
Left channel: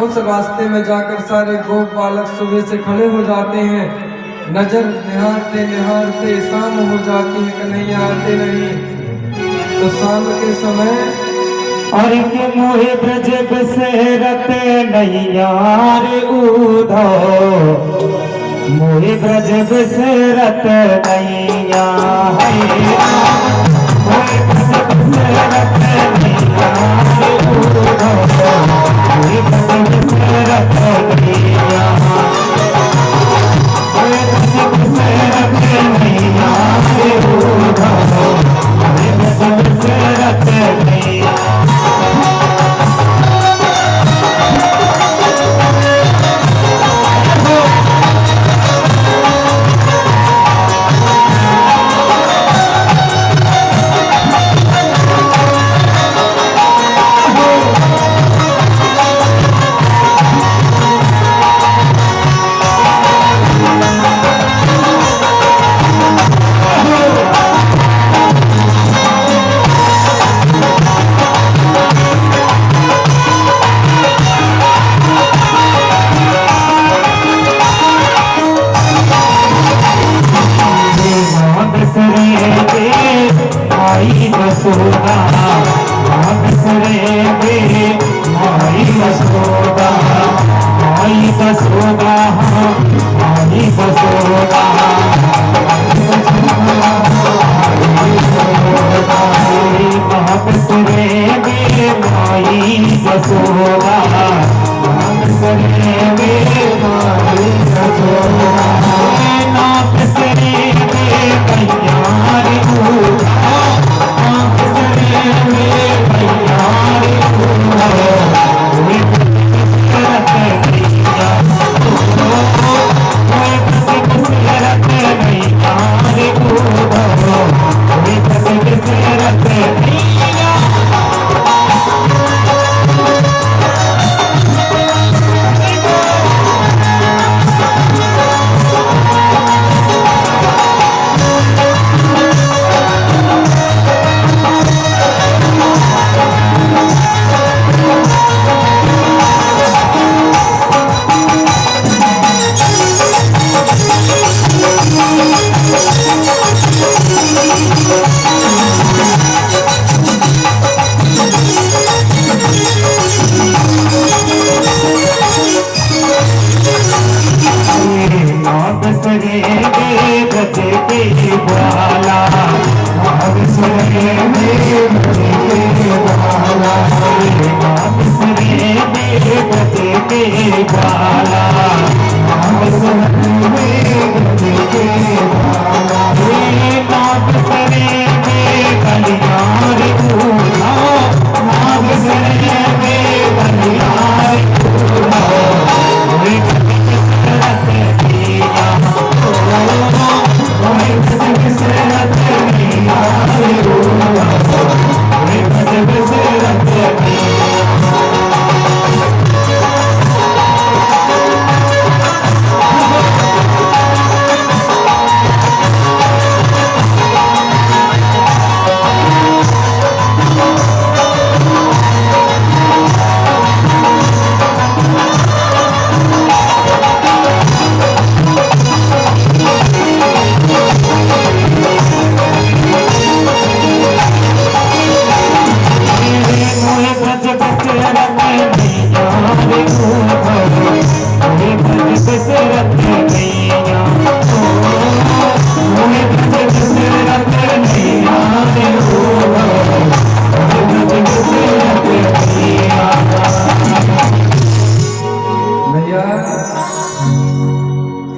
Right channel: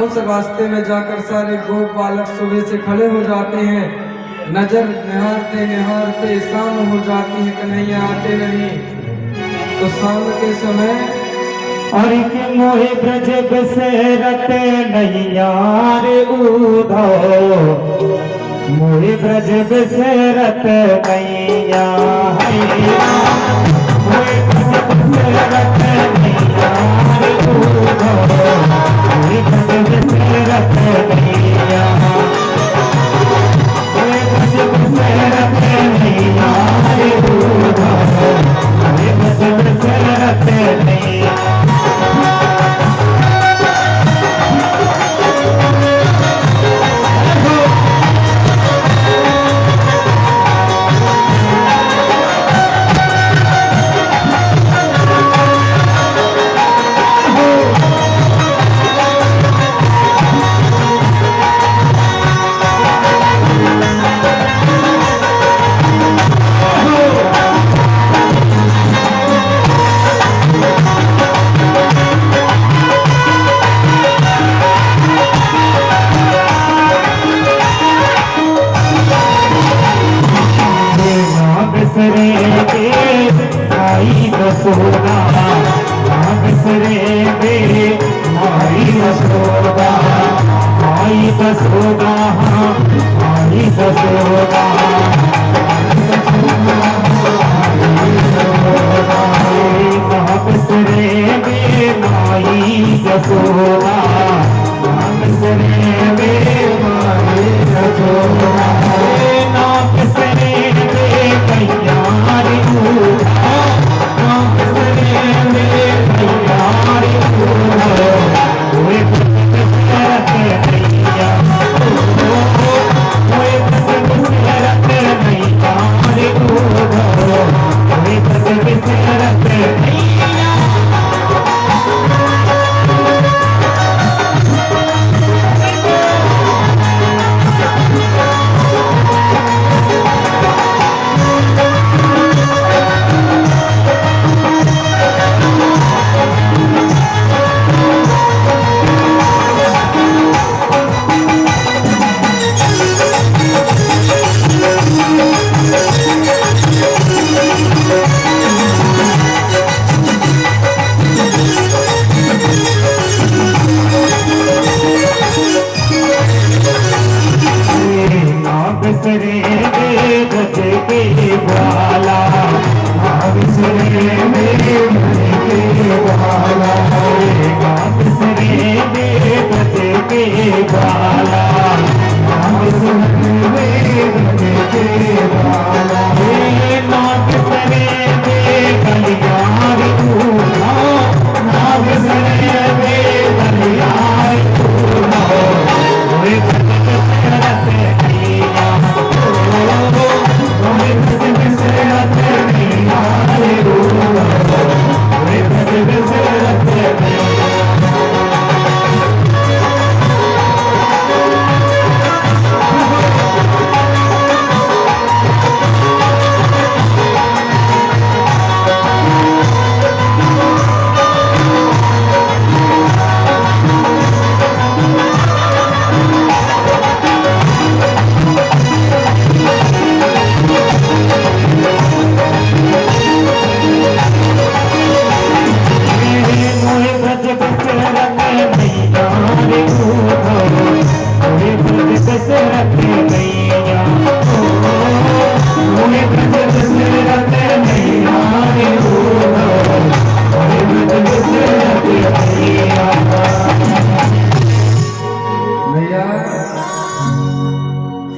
उस रास्ते में जाकर सारे गोप बालक सुबह से खड़े हो जाते हैं। नजर निहारते निहारते शाम हो जाती है, कन्हैया आते नहीं। तो शाम के समय अरे के मोहे ब्रज बसेरते नैया रे उधो, मोहे ब्रज बसेरत नैया है, मोहे ब्रज बसेरत नैया रे उधो, मोहे ब्रज बसेरत नैया, मोहे ब्रज बसेरत नैया रे उधो, मोहे ब्रज बसेरत नैया। बसोगा बिसरे बे माई बसोगा, माई बसोगा माई बसोगा, बिसरे बे माई बसोगा, बिसरे बे माई बसोगा, ना बिसरे बे कन्यारी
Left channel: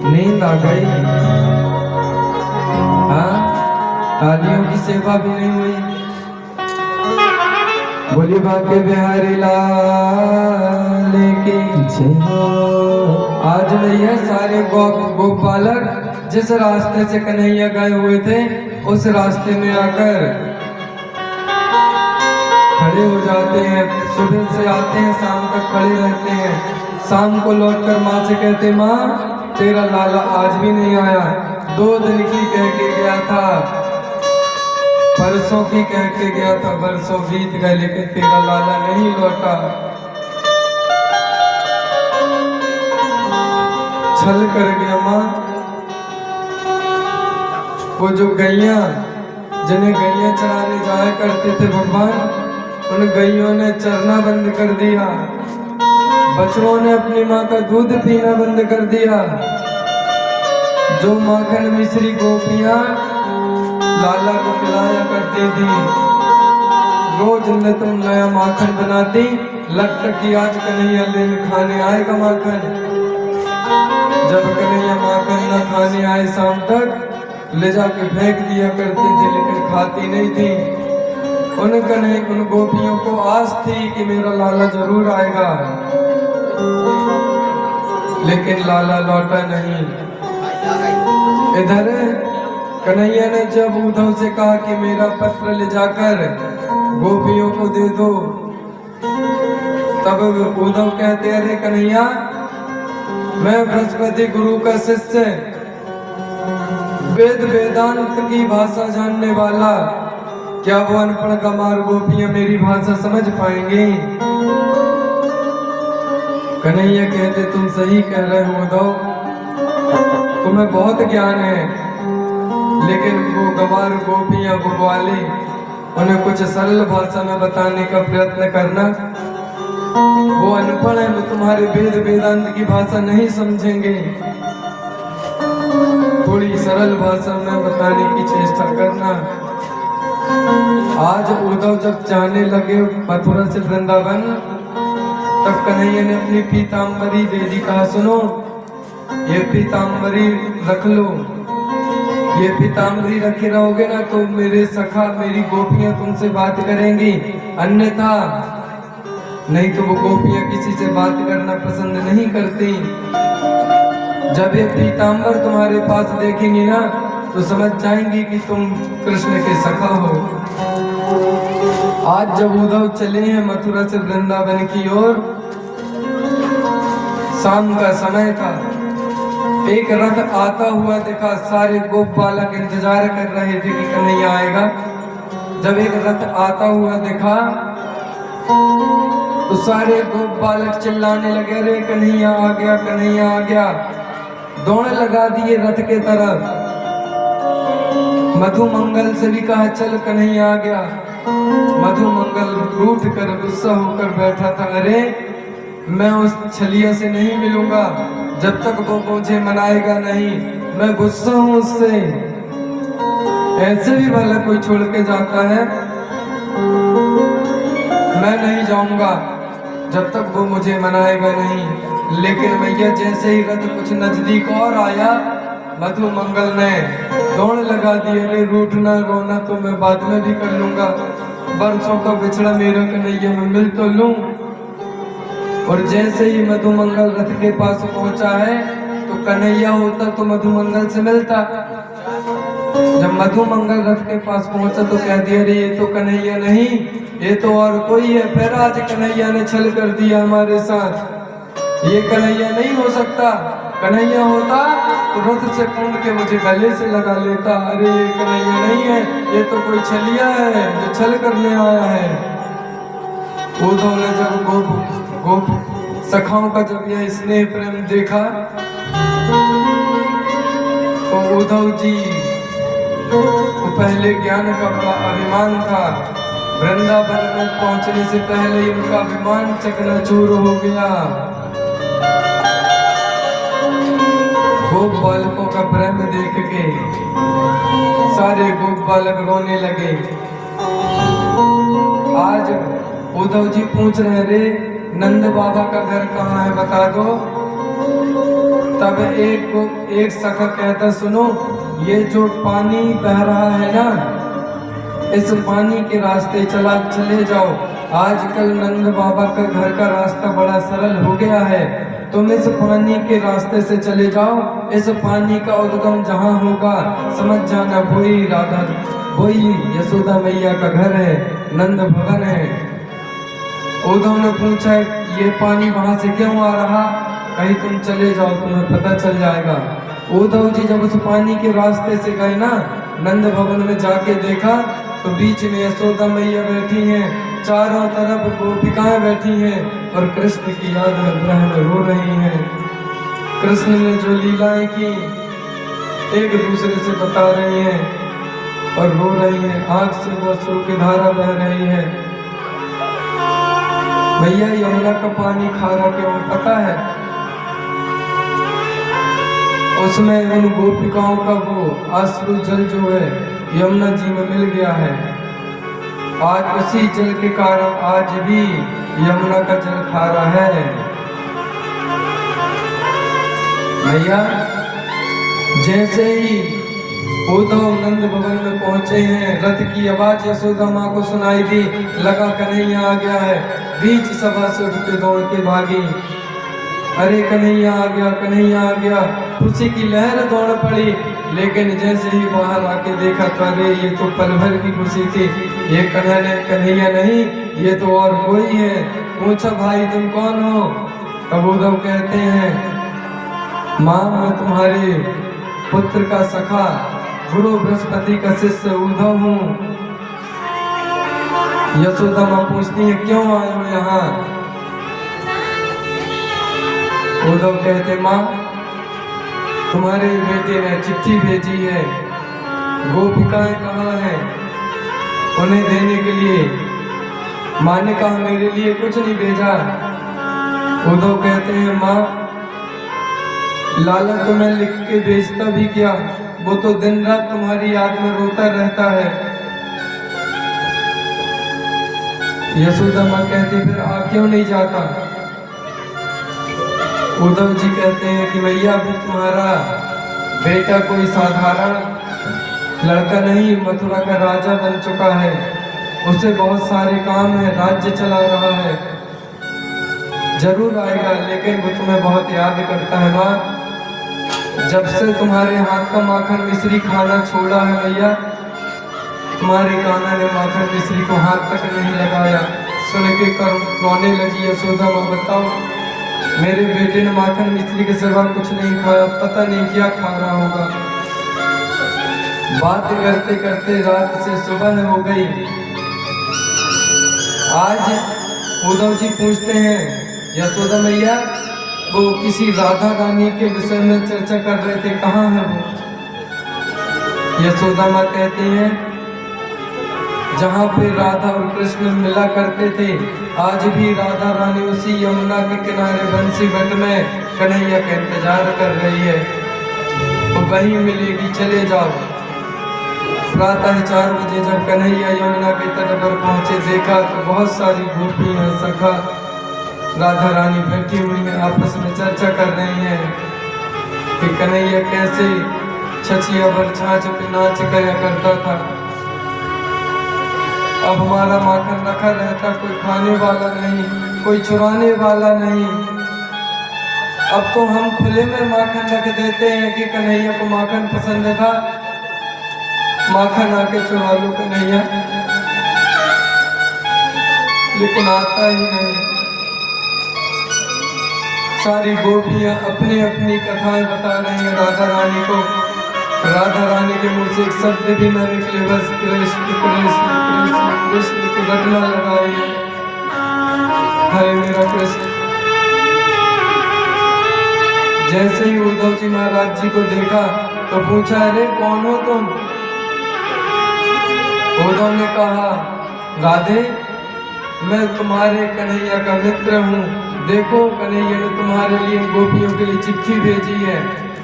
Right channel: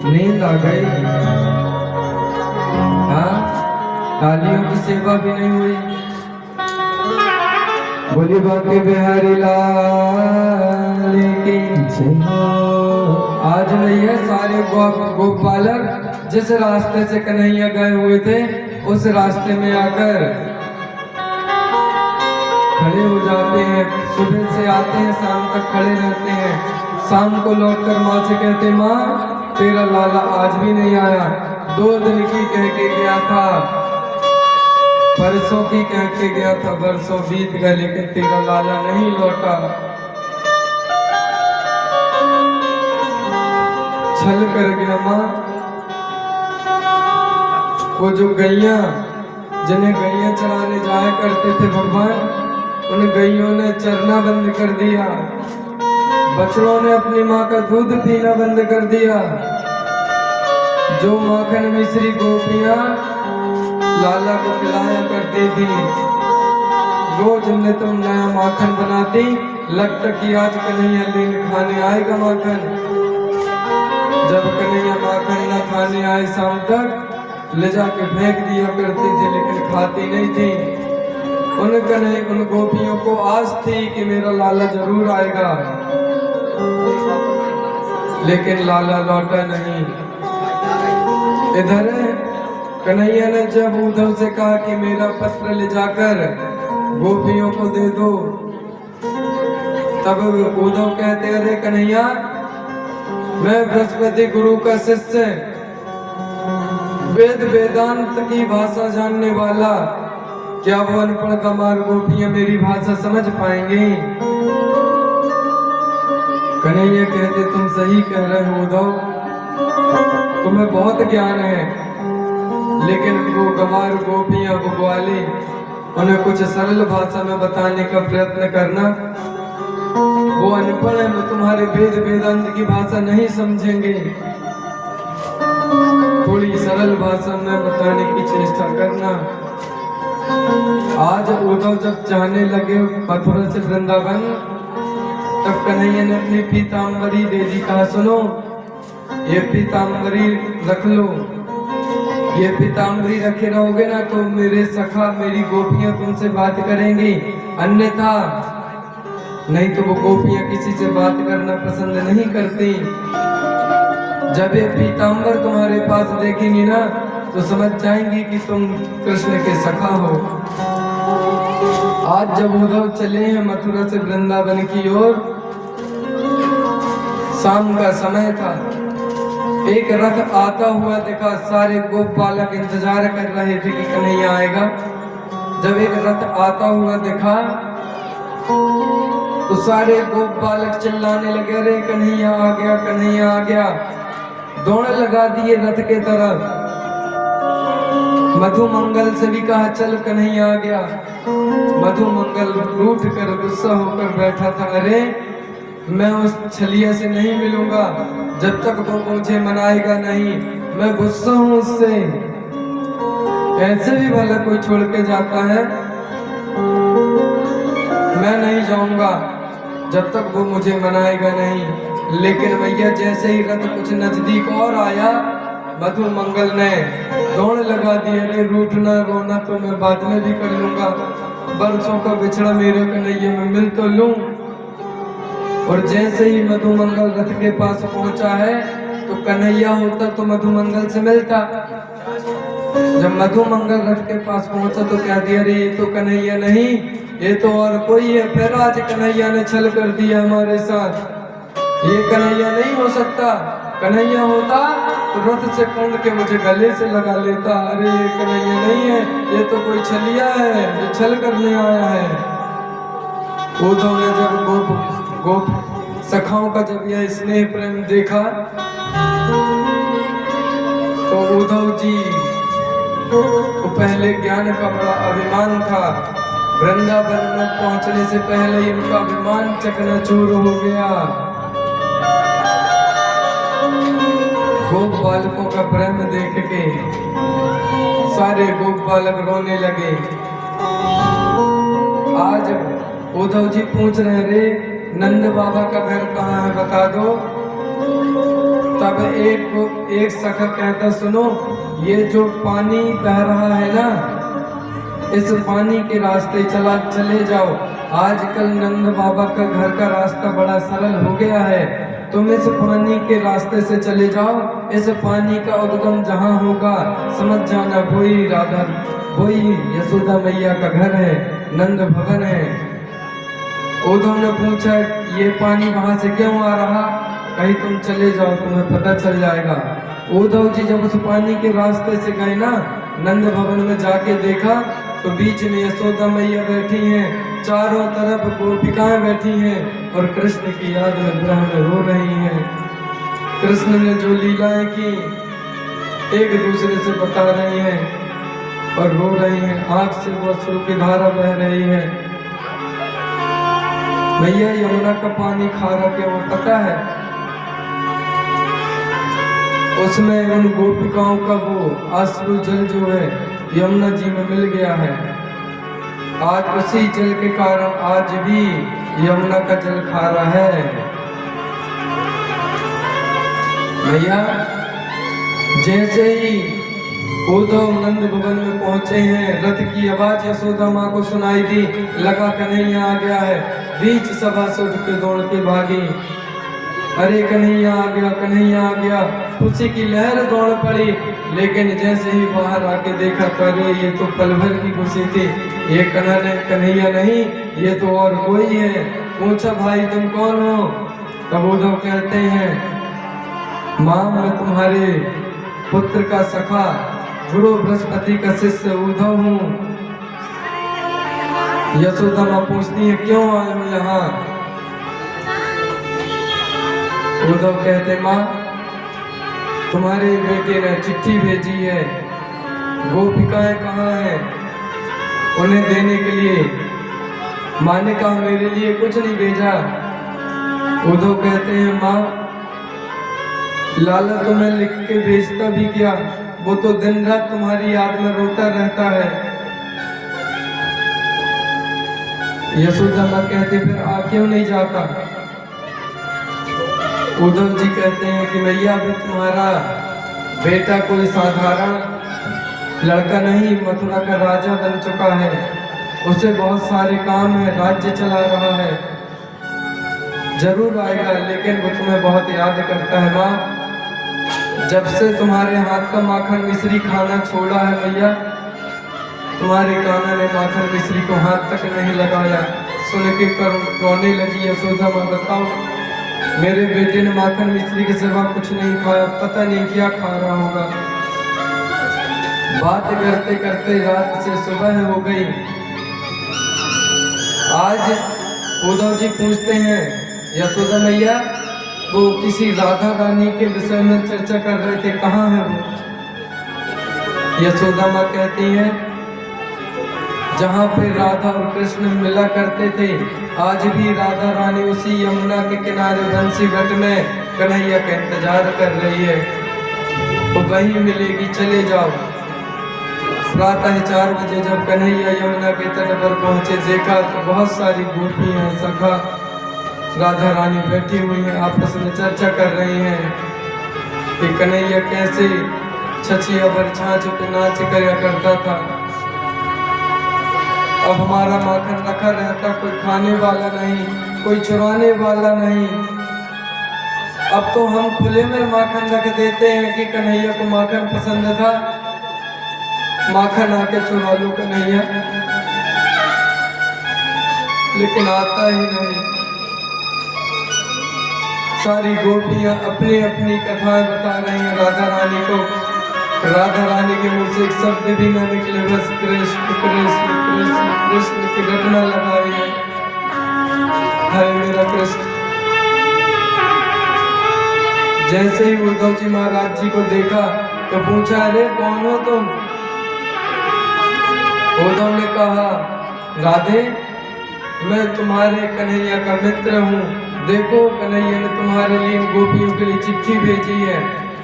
नींद आ गई। हाँ, तालियों की सेवा भी नहीं हुई। बोली बाके बिहारी लाल की जय हो। आज भैया सारे गोपालक जिस रास्ते से कन्हैया गए हुए थे उस रास्ते में आकर खड़े हो जाते हैं। सुबह से आते हैं, शाम तक खड़े रहते हैं। शाम को लौटकर माँ से कहते, माँ तेरा लाला आज भी नहीं आया। 2 दिन की कह के गया था, परसों की कह के गया था, बरसों बीत गए लेकिन तेरा लाला नहीं लौटा। छल कर गया माँ, वो जो गैया जिन्हें गैया चराने जाया करते थे भगवान, उन गैयों ने चरना बंद कर दिया, बछड़ों ने अपनी माँ का दूध पीना बंद कर दिया। जो माखन मिश्री गोपियां लाला को खिलाया करती थी, रोज ने तुम नया माखन बनाती, लगता कि आज कन्हैया लेने खाने आएगा माखन। जब कन्हैया माखन न खाने आए शाम तक ले जाके फेंक दिया करती थी, लेकिन खाती नहीं थी। उन गोपियों को आस थी कि मेरा लाला जरूर आएगा, लेकिन लाला लौटा नहीं। इधर कन्हैया ने जब उद्धव से कहा कि मेरा पत्र ले जाकर गोपियों को दे दो, तब उद्धव कहते अरे कन्हैया, मैं बृहस्पति गुरु का शिष्य, वेद वेदांत की भाषा जानने वाला, क्या वो अनपढ़ गंवार गोपियां मेरी भाषा समझ पाएंगी? कन्हैया कहते तुम सही कह रहे हो उद्धव, तुम्हें बहुत ज्ञान है, लेकिन वो गंवार गोपियां वो ग्वाले, उन्हें कुछ सरल भाषा में बताने का प्रयत्न करना। वो अनपढ़ है, वो तुम्हारे वेद वेदांत की भाषा नहीं समझेंगे, थोड़ी सरल भाषा में बताने की चेष्टा करना। आज उद्धव जब जाने लगे मथुरा से वृंदावन, तब कन्हैया ने अपनी पीताम्बरी दे दी, कहा सुनो ये पीताम्बरी रख लो, ये पीताम्बरी रखे रहोगे ना तो मेरे सखा मेरी गोपियां तुमसे बात करेंगी, अन्यथा नहीं तो वो गोपियां किसी से बात करना पसंद नहीं करती। जब ये पीताम्बर तुम्हारे पास देखेंगी ना तो समझ जाएंगी कि तुम कृष्ण के सखा हो। आज जब उद्धव चले हैं मथुरा से वृंदावन की ओर, शाम का समय था, एक रथ आता हुआ दिखा, सारे गोप बालक इंतजार कर रहे थे कि कन्हैया आएगा। जब एक रथ आता हुआ दिखा तो सारे गोप बालक चिल्लाने लगे, अरे कन्हैया आ गया, कन्हैया आ गया। दौड़ लगा दिए रथ के तरफ। मधुमंगल से भी कहा चल कन्हैया आ गया। मधुमंगल रूठ कर गुस्सा होकर बैठा था, अरे मैं उस छलिया से नहीं मिलूंगा जब तक वो मुझे मनाएगा नहीं, मैं गुस्सा हूं उससे। ऐसे भी भला कोई छोड़ के जाता है? मैं नहीं जाऊंगा जब तक वो मुझे मनाएगा नहीं। लेकिन भैया जैसे ही रथ कुछ नजदीक और आया, मधुमंगल ने दौड़ लगा दी, अरे रूठना रोना तो मैं बाद में भी कर लूंगा, बरसों का बिछड़ा मेरे कन्हैया में मिल तो लूं। और जैसे ही मधुमंगल रथ के पास पहुंचा है तो कन्हैया होता तो मधुमंगल से मिलता। जब मधुमंगल रथ के पास पहुंचा तो क्या दिया, अरे ये तो कन्हैया नहीं, ये तो और कोई है। फिर आज कन्हैया ने छल कर दिया हमारे साथ, ये कन्हैया नहीं हो सकता। कन्हैया होता तो रथ से कूद के मुझे गले से लगा लेता। अरे ये कन्हैया नहीं है, ये तो कोई छलिया है जो छल करने आया है। उद्धव ने जब गोप सखाओं का जब यह स्नेह प्रेम देखा तो उद्धव जी को पहले ज्ञान का बड़ा अभिमान था। वृंदावन में पहुंचने से पहले ही उनका अभिमान चकनाचूर हो गया। गोप बालकों का प्रेम देख के सारे गोप बालक रोने लगे। आज उद्धव जी पूछ रहे, रे नंद बाबा का घर कहाँ है बता दो। तब एक सखा कहता, सुनो ये जो पानी बह रहा है ना, इस पानी के रास्ते चले जाओ। आजकल नंद बाबा का घर का रास्ता बड़ा सरल हो गया है, तुम इस पानी के रास्ते से चले जाओ। इस पानी का उद्गम जहाँ होगा समझ जाना वही यशोदा मैया का घर है, नंद भवन है। उद्धव ने पूछा, ये पानी वहां से क्यों आ रहा? कहीं तुम चले जाओ, तुम्हें पता चल जाएगा। उद्धव जी जब उस पानी के रास्ते से गए ना, नंद भवन में जाके देखा तो बीच में यशोदा मैया बैठी हैं, चारों तरफ गोपिकाएं बैठी हैं और कृष्ण की याद में विरह में रो रही हैं। कृष्ण ने जो लीलाएं की एक दूसरे से बता रही हैं और रो रही हैं, आंख से वो आंसू की धारा बह रही है। भैया यमुना का पानी खारा क्यों पता है? उसमें उन गोपिकाओं का वो अश्रु जल जो है यमुना जी में मिल गया है। आज उसी जल के कारण आज भी यमुना का जल खारा है। भैया जैसे ही उद्धव नंद भवन में पहुंचे हैं, रथ की आवाज यशोदा माँ को सुनाई दी, लगा कन्हैया आ गया है। बीच सभा से उठ के दौड़ के भागी, अरे कन्हैया आ गया, कन्हैया आ गया। खुशी की लहर दौड़ पड़ी, लेकिन जैसे ही बाहर आके देखा तो अरे ये तो पल भर की खुशी थी, ये कन्हैया नहीं, ये तो और कोई है। पूछा भाई तुम कौन हो? तब उद्धव कहते हैं माँ मैं तुम्हारे पुत्र का सखा गुरु बृहस्पति का शिष्य उद्धव हूँ। यशोदा माँ पूछती है क्यों आए हो यहाँ? उद्धव कहते माँ तुम्हारे बेटे ने चिट्ठी भेजी है, गोपिकाएं कहाँ हैं उन्हें देने के लिए। माँ ने कहा मेरे लिए कुछ नहीं भेजा। उद्धव कहते हैं माँ लाला तुम्हें लिख के भेजता भी क्या, वो तो दिन रात तुम्हारी याद में रोता रहता है। यशोदा माँ कहते फिर आ क्यों नहीं जाता? उद्धव जी कहते हैं कि मैया भी तुम्हारा बेटा कोई साधारण लड़का नहीं, मथुरा का राजा बन चुका है, उसे बहुत सारे काम है, राज्य चला रहा है, जरूर आएगा, लेकिन वो तुम्हें बहुत याद करता है। माँ जब से तुम्हारे हाथ का माखन मिश्री खाना छोड़ा है मैया, तुम्हारे कान्हा ने माखन मिश्री को हाथ तक नहीं लगाया। सुन के कर रोने लगी यशोदा माँ बताओ मेरे बेटे ने माखन मिश्री के सिवा कुछ नहीं खाया, पता नहीं क्या खा रहा होगा। बात करते करते रात से सुबह हो गई। आज उद्धव जी पूछते हैं यशोदा मैया वो किसी राधा रानी के विषय में चर्चा कर रहे थे, कहाँ है वो? यशोदा माँ कहती हैं जहाँ पे राधा और कृष्ण मिला करते थे, आज भी राधा रानी उसी यमुना के किनारे बंसी घाट में कन्हैया का इंतजार कर रही है, वो वहीं मिलेगी, चले जाओ। प्रातः 4 बजे जब कन्हैया यमुना के तट पर पहुंचे, देखा तो बहुत सारी गोपियां सखा राधा रानी बैठी हुई हैं, आपस में चर्चा कर रही हैं कि कन्हैया कैसे छछिया पर छाछ पे नाच किया करता था, अब हमारा माखन रखा रहता, कोई खाने वाला नहीं, कोई चुराने वाला नहीं, अब तो हम खुले में माखन रख देते हैं कि कन्हैया को माखन पसंद था, माखन आके चुरा लो कन्हैया, लेकिन आता ही नहीं। सारी गोपियां अपनी अपनी कथाएं बता रही हैं राधा रानी को। राधा रानी के मुंह से एक शब्द भी न निकले, बस कृष्ण कृष्ण कृष्ण कृष्ण की रटना लगाई है, हाय मेरा कृष्ण। जैसे ही उद्धव जी महाराज जी को देखा तो पूछा अरे कौन हो तुम? उद्धव ने कहा राधे मैं तुम्हारे कन्हैया का मित्र हूँ, देखो कन्हैया ने तुम्हारे लिए इन गोपियों के लिए चिट्ठी भेजी है।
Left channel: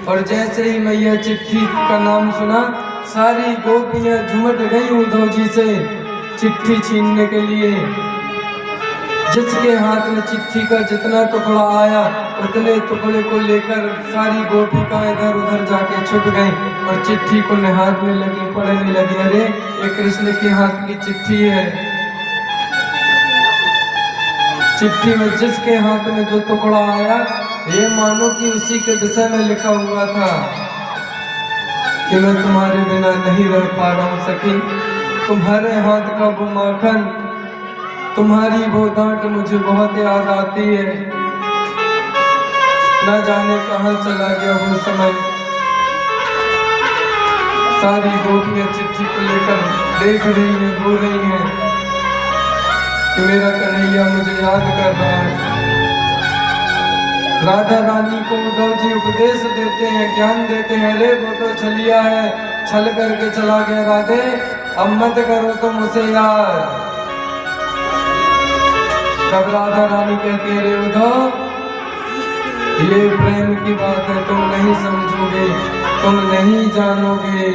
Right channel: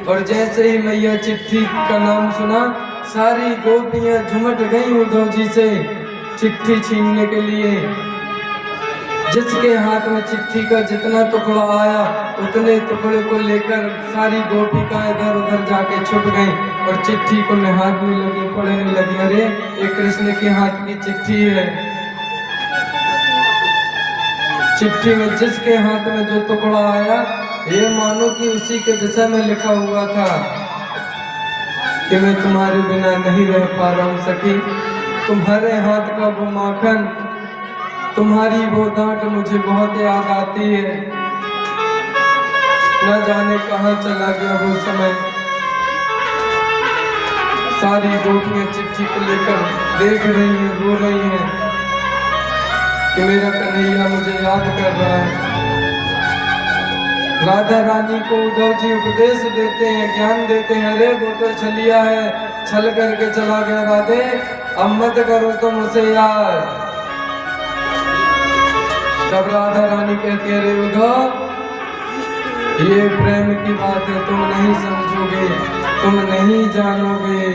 और जैसे ही मैया चिट्ठी का नाम सुना, सारी गोपियां झुमट गई उद्धव जी से चिट्ठी छीनने के लिए। जिसके हाथ में चिट्ठी का जितना टुकड़ा आया, उतने टुकड़े को लेकर सारी गोपिकां इधर उधर जाके छुप गईं और चिट्ठी को निहारने लगी, पढ़ने लगी। अरे ये कृष्ण के हाथ की चिट्ठी है। चिट्ठी में जिसके हाथ में जो टुकड़ा आया, ये मानो कि उसी के विषय में लिखा हुआ था कि मैं तुम्हारे बिना नहीं रह पा रहा हूँ सखी, तुम्हारे हाथ का वो माखन, तुम्हारी वो डांट मुझे बहुत याद आती है। न जाने कहाँ चला गया वो समय। सारी गोपियां चिट्ठी को लेकर देख रही हैं, रो रही हैं कि मेरा कन्हैया मुझे याद कर रहा है। राधा रानी को उद्धव जी उपदेश देते हैं, ज्ञान देते हैं, अरे वो तो छलिया है, छल करके चला गया राधे, अब मत करो तुम उसे यार। तब राधा रानी कहती है, अरे उद्धव ये प्रेम की बात है, तुम नहीं समझोगे, तुम नहीं जानोगे।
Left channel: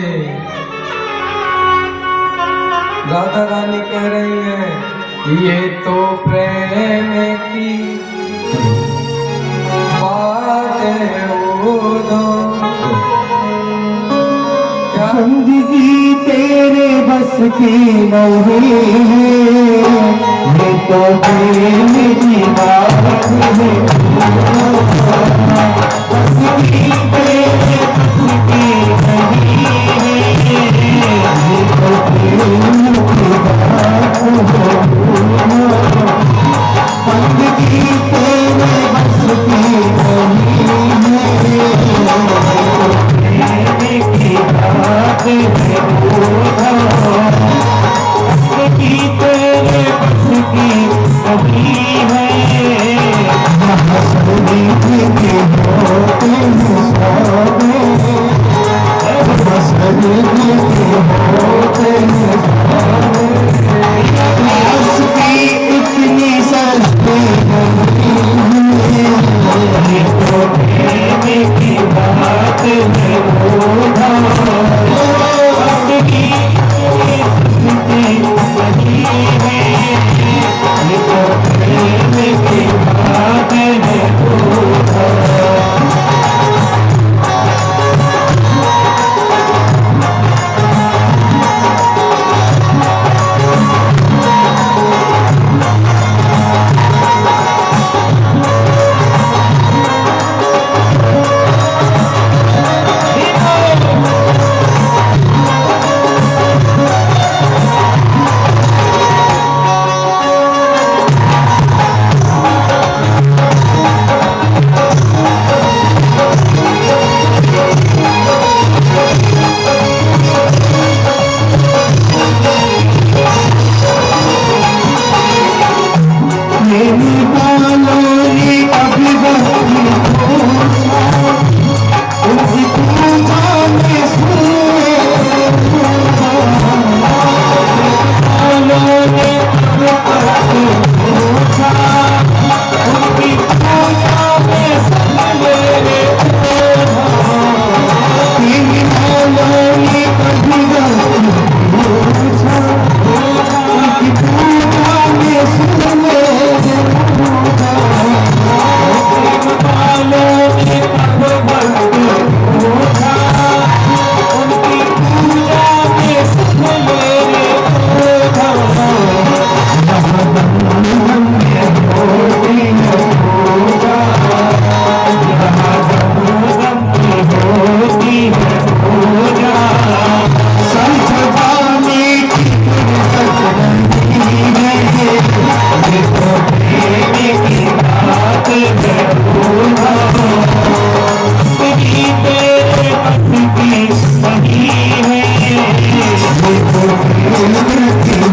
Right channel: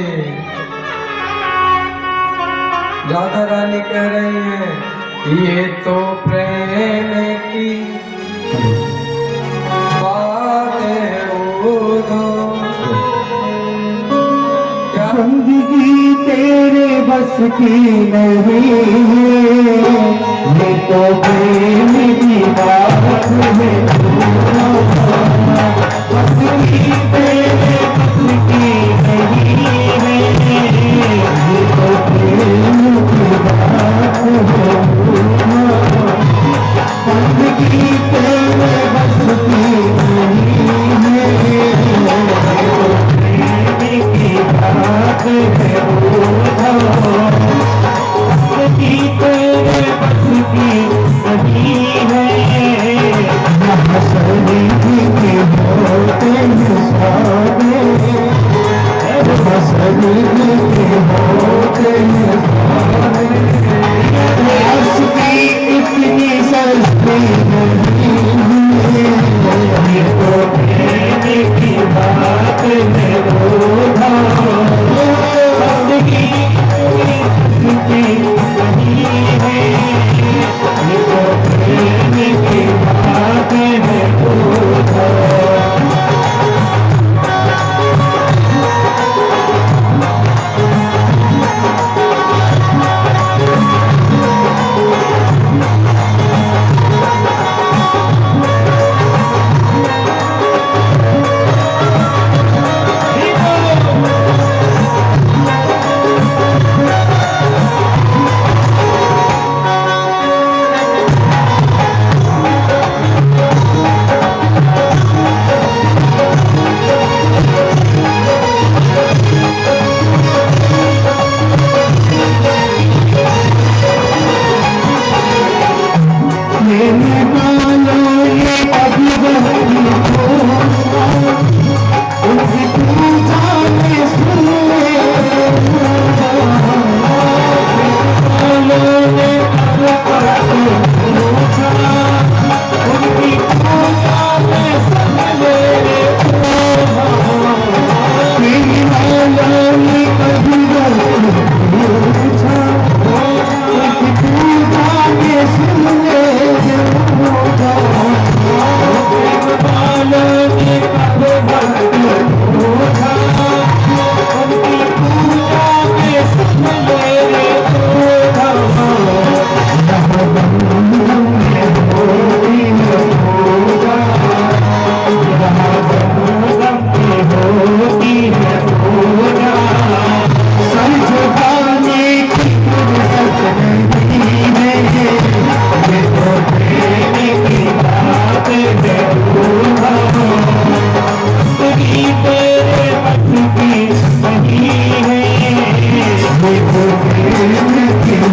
राधा रानी कह रही है, ये तो प्रेम की बात है उद्धव। क्या जिंदगी तेरे बस की नहीं है, ये तो प्रेम की बात है। जिंदगी तेरे बस की नहीं है, ये तो प्रेम की बात है। जिंदगी तेरे बस की नहीं है, प्रेम की बात है। जिंदगी तेरे बस की नहीं है, हंसने के होते हैं सामने, हंसने के होते हैं सामने। हंसती इतनी सस्ती नहीं है, ये तो प्रेम की बात है। जिंदगी तेरी बस की नहीं है, ये तो प्रेम की बात है।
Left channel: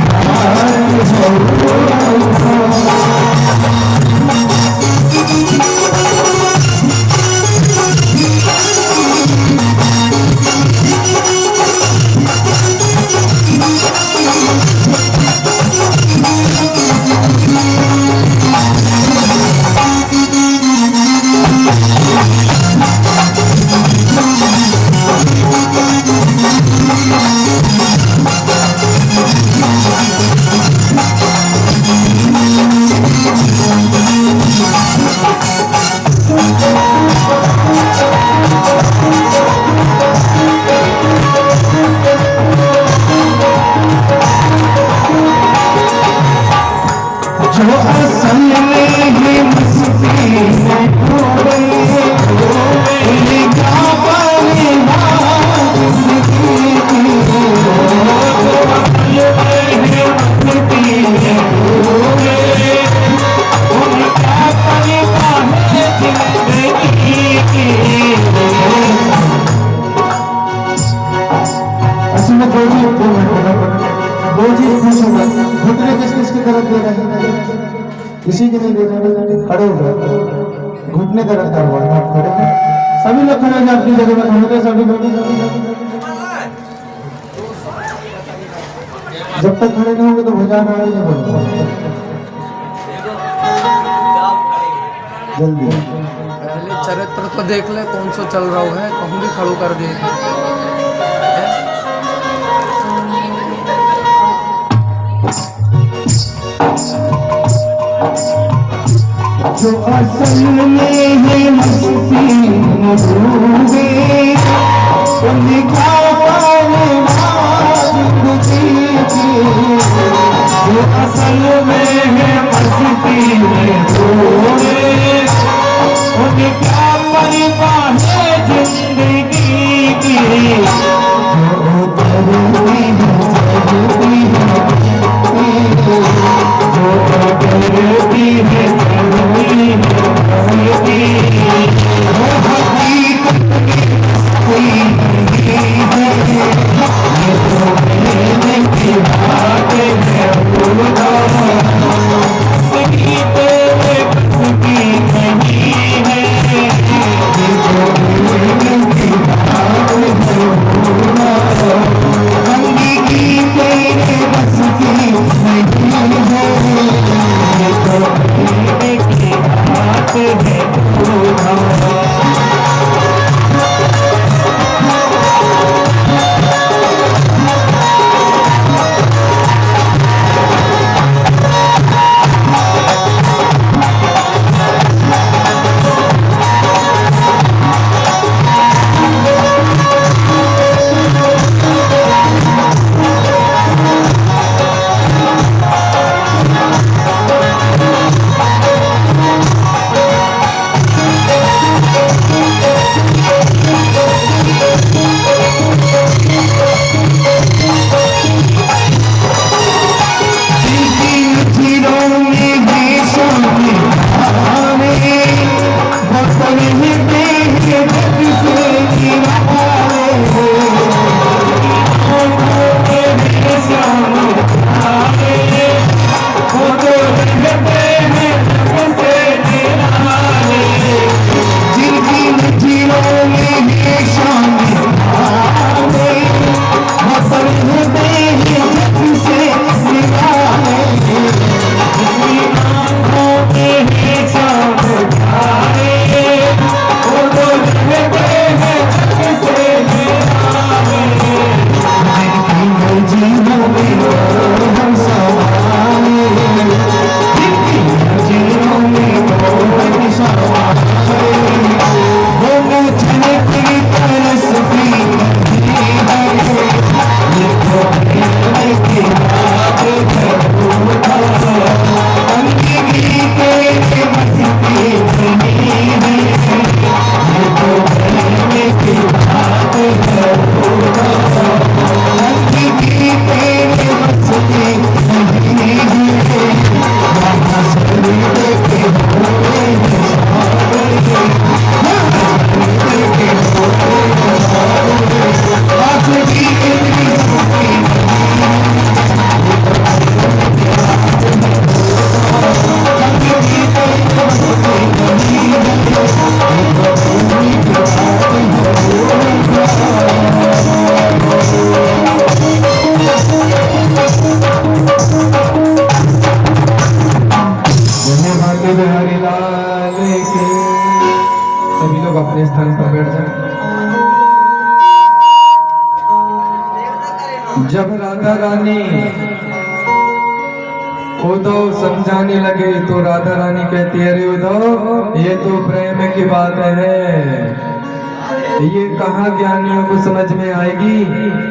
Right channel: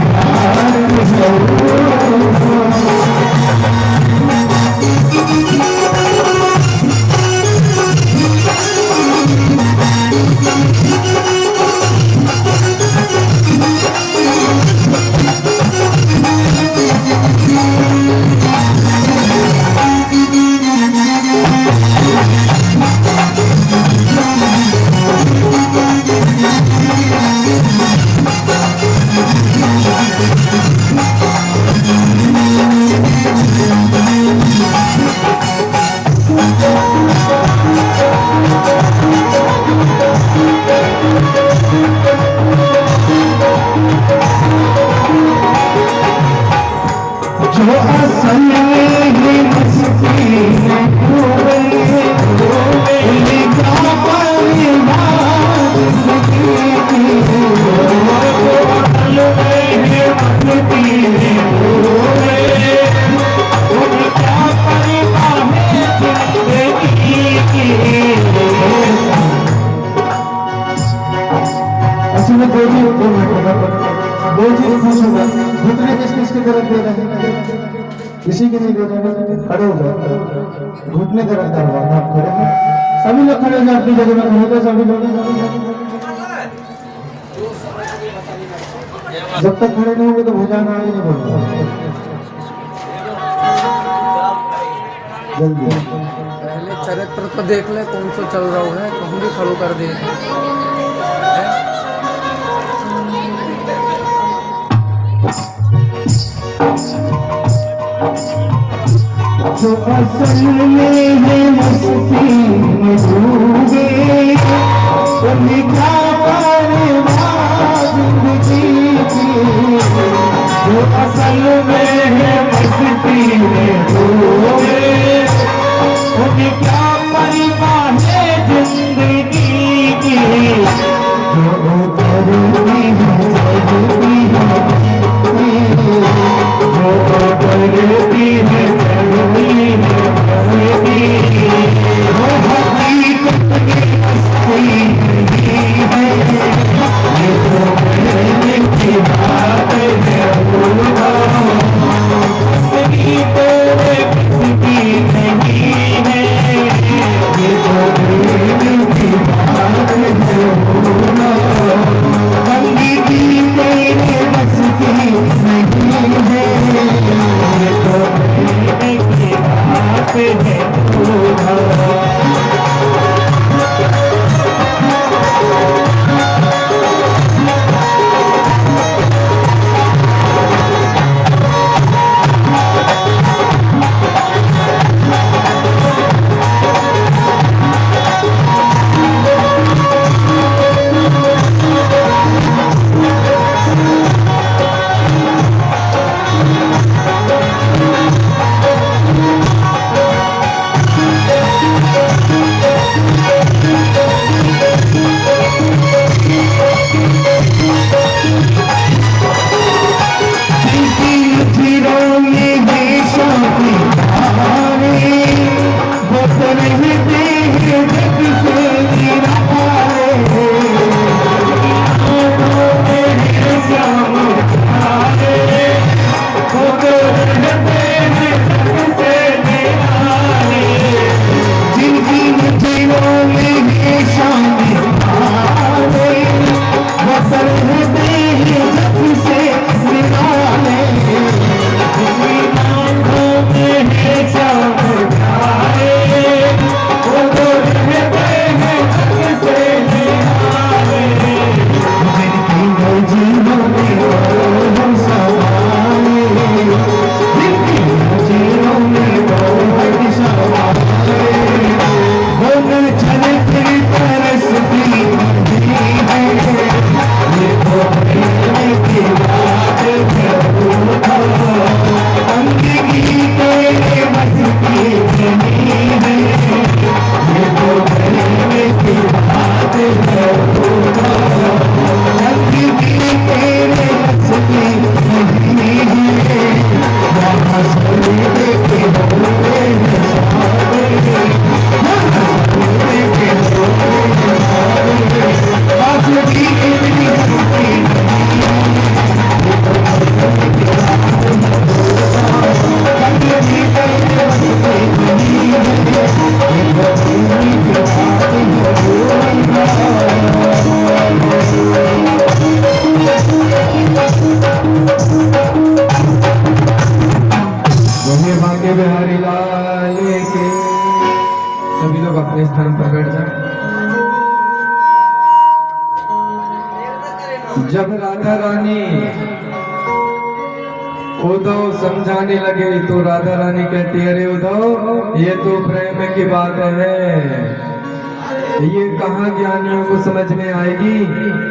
जो असल में है मस्ती में डूबे, क्या पाने जिंदगी की। जो असल में है मस्ती में डूबे, क्या पाने जिंदगी की। असल में दो चीज पूछूंगा, घुटने किस किस की तरफ दे रहे हैं? किसी की नहीं दे रहे, खड़े हो जाओ। घुटने का रखा हुआ है, आप खड़े हैं सभी लोग खड़े हैं अपनी जगह में खड़े हो सभी लोग जब तक खड़े नहीं होंगे तो भजन आगे नहीं बढ़ेगा जल्दी पहले चरित्र तो देख ले कौन सा चल रहा है, कहूँ भी खड़ो कर दे। जो असल में है मस्ती में डूबे उनका पारवा जिंदगी की जो असल में है मस्ती में डूबे उनका परवा है जिंदगी की जो करती है जगती है जो करती है जब राधा रानी उद्धव समझाने लगे तो राधा रानी कहती है, अरे उद्धव ये तो प्रेम की बात है, ये कहाँ ज्ञानियों को समझ में आएगी,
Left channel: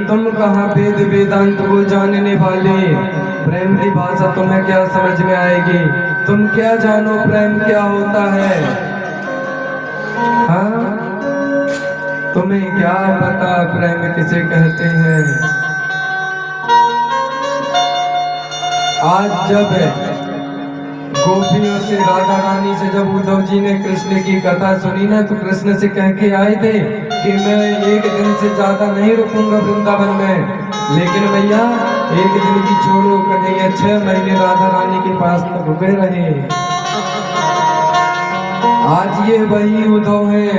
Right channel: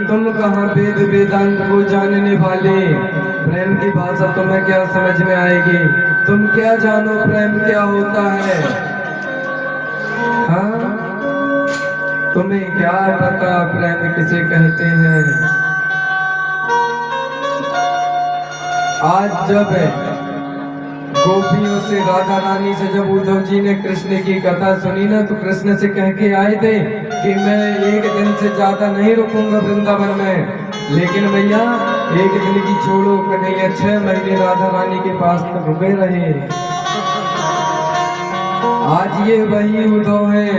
तुम कहाँ वेद वेदांत को जानने वाले, प्रेम की भाषा तुम्हें क्या समझ में आएगी, तुम क्या जानो प्रेम क्या होता है। हाँ तुम्हें क्या पता प्रेम किसे कहते हैं। आज जब गोपियों से राधा रानी से जब उद्धव जी ने कृष्ण की कथा सुनी ना, तो कृष्ण से कह के आए थे कि मैं एक दिन से ज्यादा नहीं रुकूंगा वृंदावन में, लेकिन भैया एक दिन की छोड़ो कन्हैया 6 महीने राधा रानी के पास में रुके रहे। आज ये वही उद्धव है।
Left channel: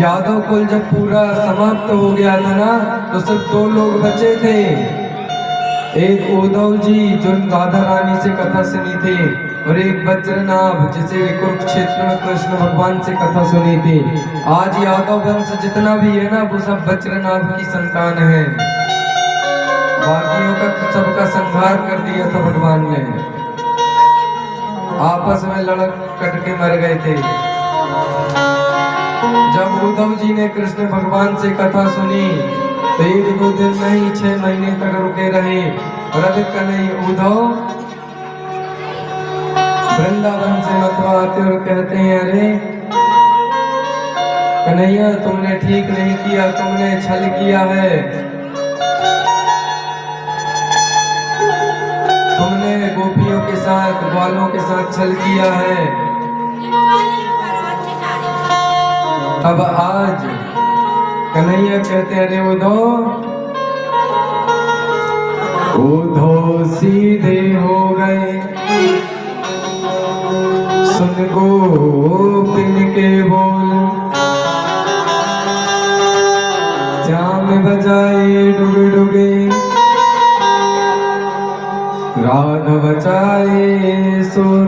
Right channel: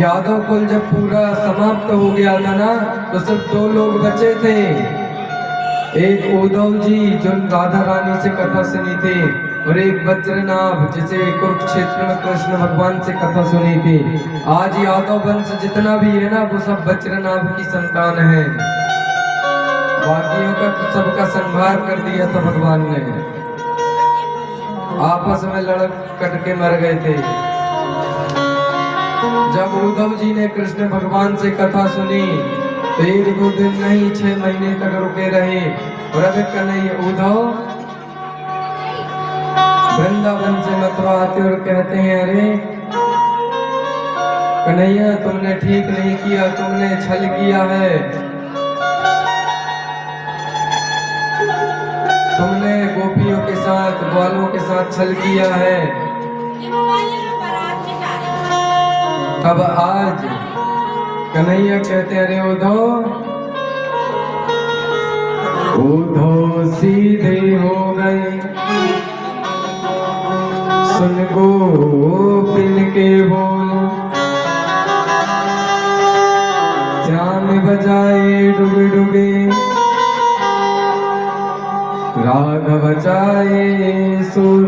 यादव कुल जब पूरा समाप्त हो गया था ना, तो सिर्फ 2 लोग बचे थे। एक उद्धव जी जो राधा रानी से कथा सुनी थी, और एक वज्रनाभ जिसे कुरुक्षेत्र में कृष्ण भगवान से कथा सुनी थी। आज यादव वंश जितना भी है ना, वो सब वज्रनाभ की संतान है। बाकियों का तो सबका संहार कर दिया था भगवान ने, आपस में लड़क कट के मर गए थे। जब उद्धव जी ने कृष्ण भगवान से कथा सुनी तो 1-2 दिन नहीं 6 महीने तक रुके रहे। और अभी कन्हैया उद्धव वृंदावन से मथुरा आते और कहते हैं, अरे कन्हैया तुमने ठीक नहीं किया, तुमने छल किया है, तुमने गोपियों के साथ ग्वालों के साथ छल किया है। तब आज कन्हैया कहते, अरे उद्धव सीधे हो गए, सुन गोपिन के बोल, श्याम बजाए डुगे डुगे, राधा बचाए सुर।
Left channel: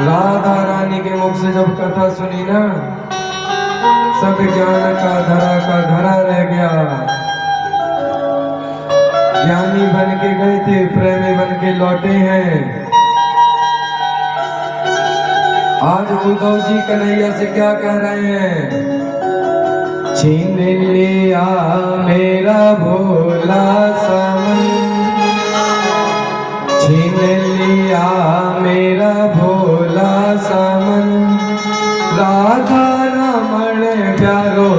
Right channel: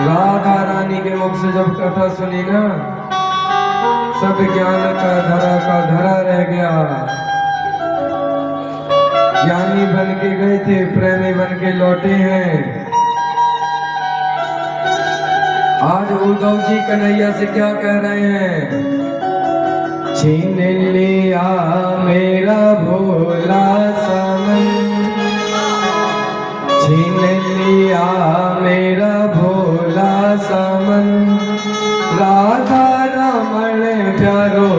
राधा रानी के मुख से जब कथा सुनी ना, सब ज्ञान का धरा रह गया। ज्ञानी बन के गए थे, प्रेमी बन के लौटे हैं। आज उद्धव जी कन्हैया से क्या कह रहे हैं? छीन लिया मेरा भोला समन, छीन लिया मेरा भोला समन, राधा रमण प्यारो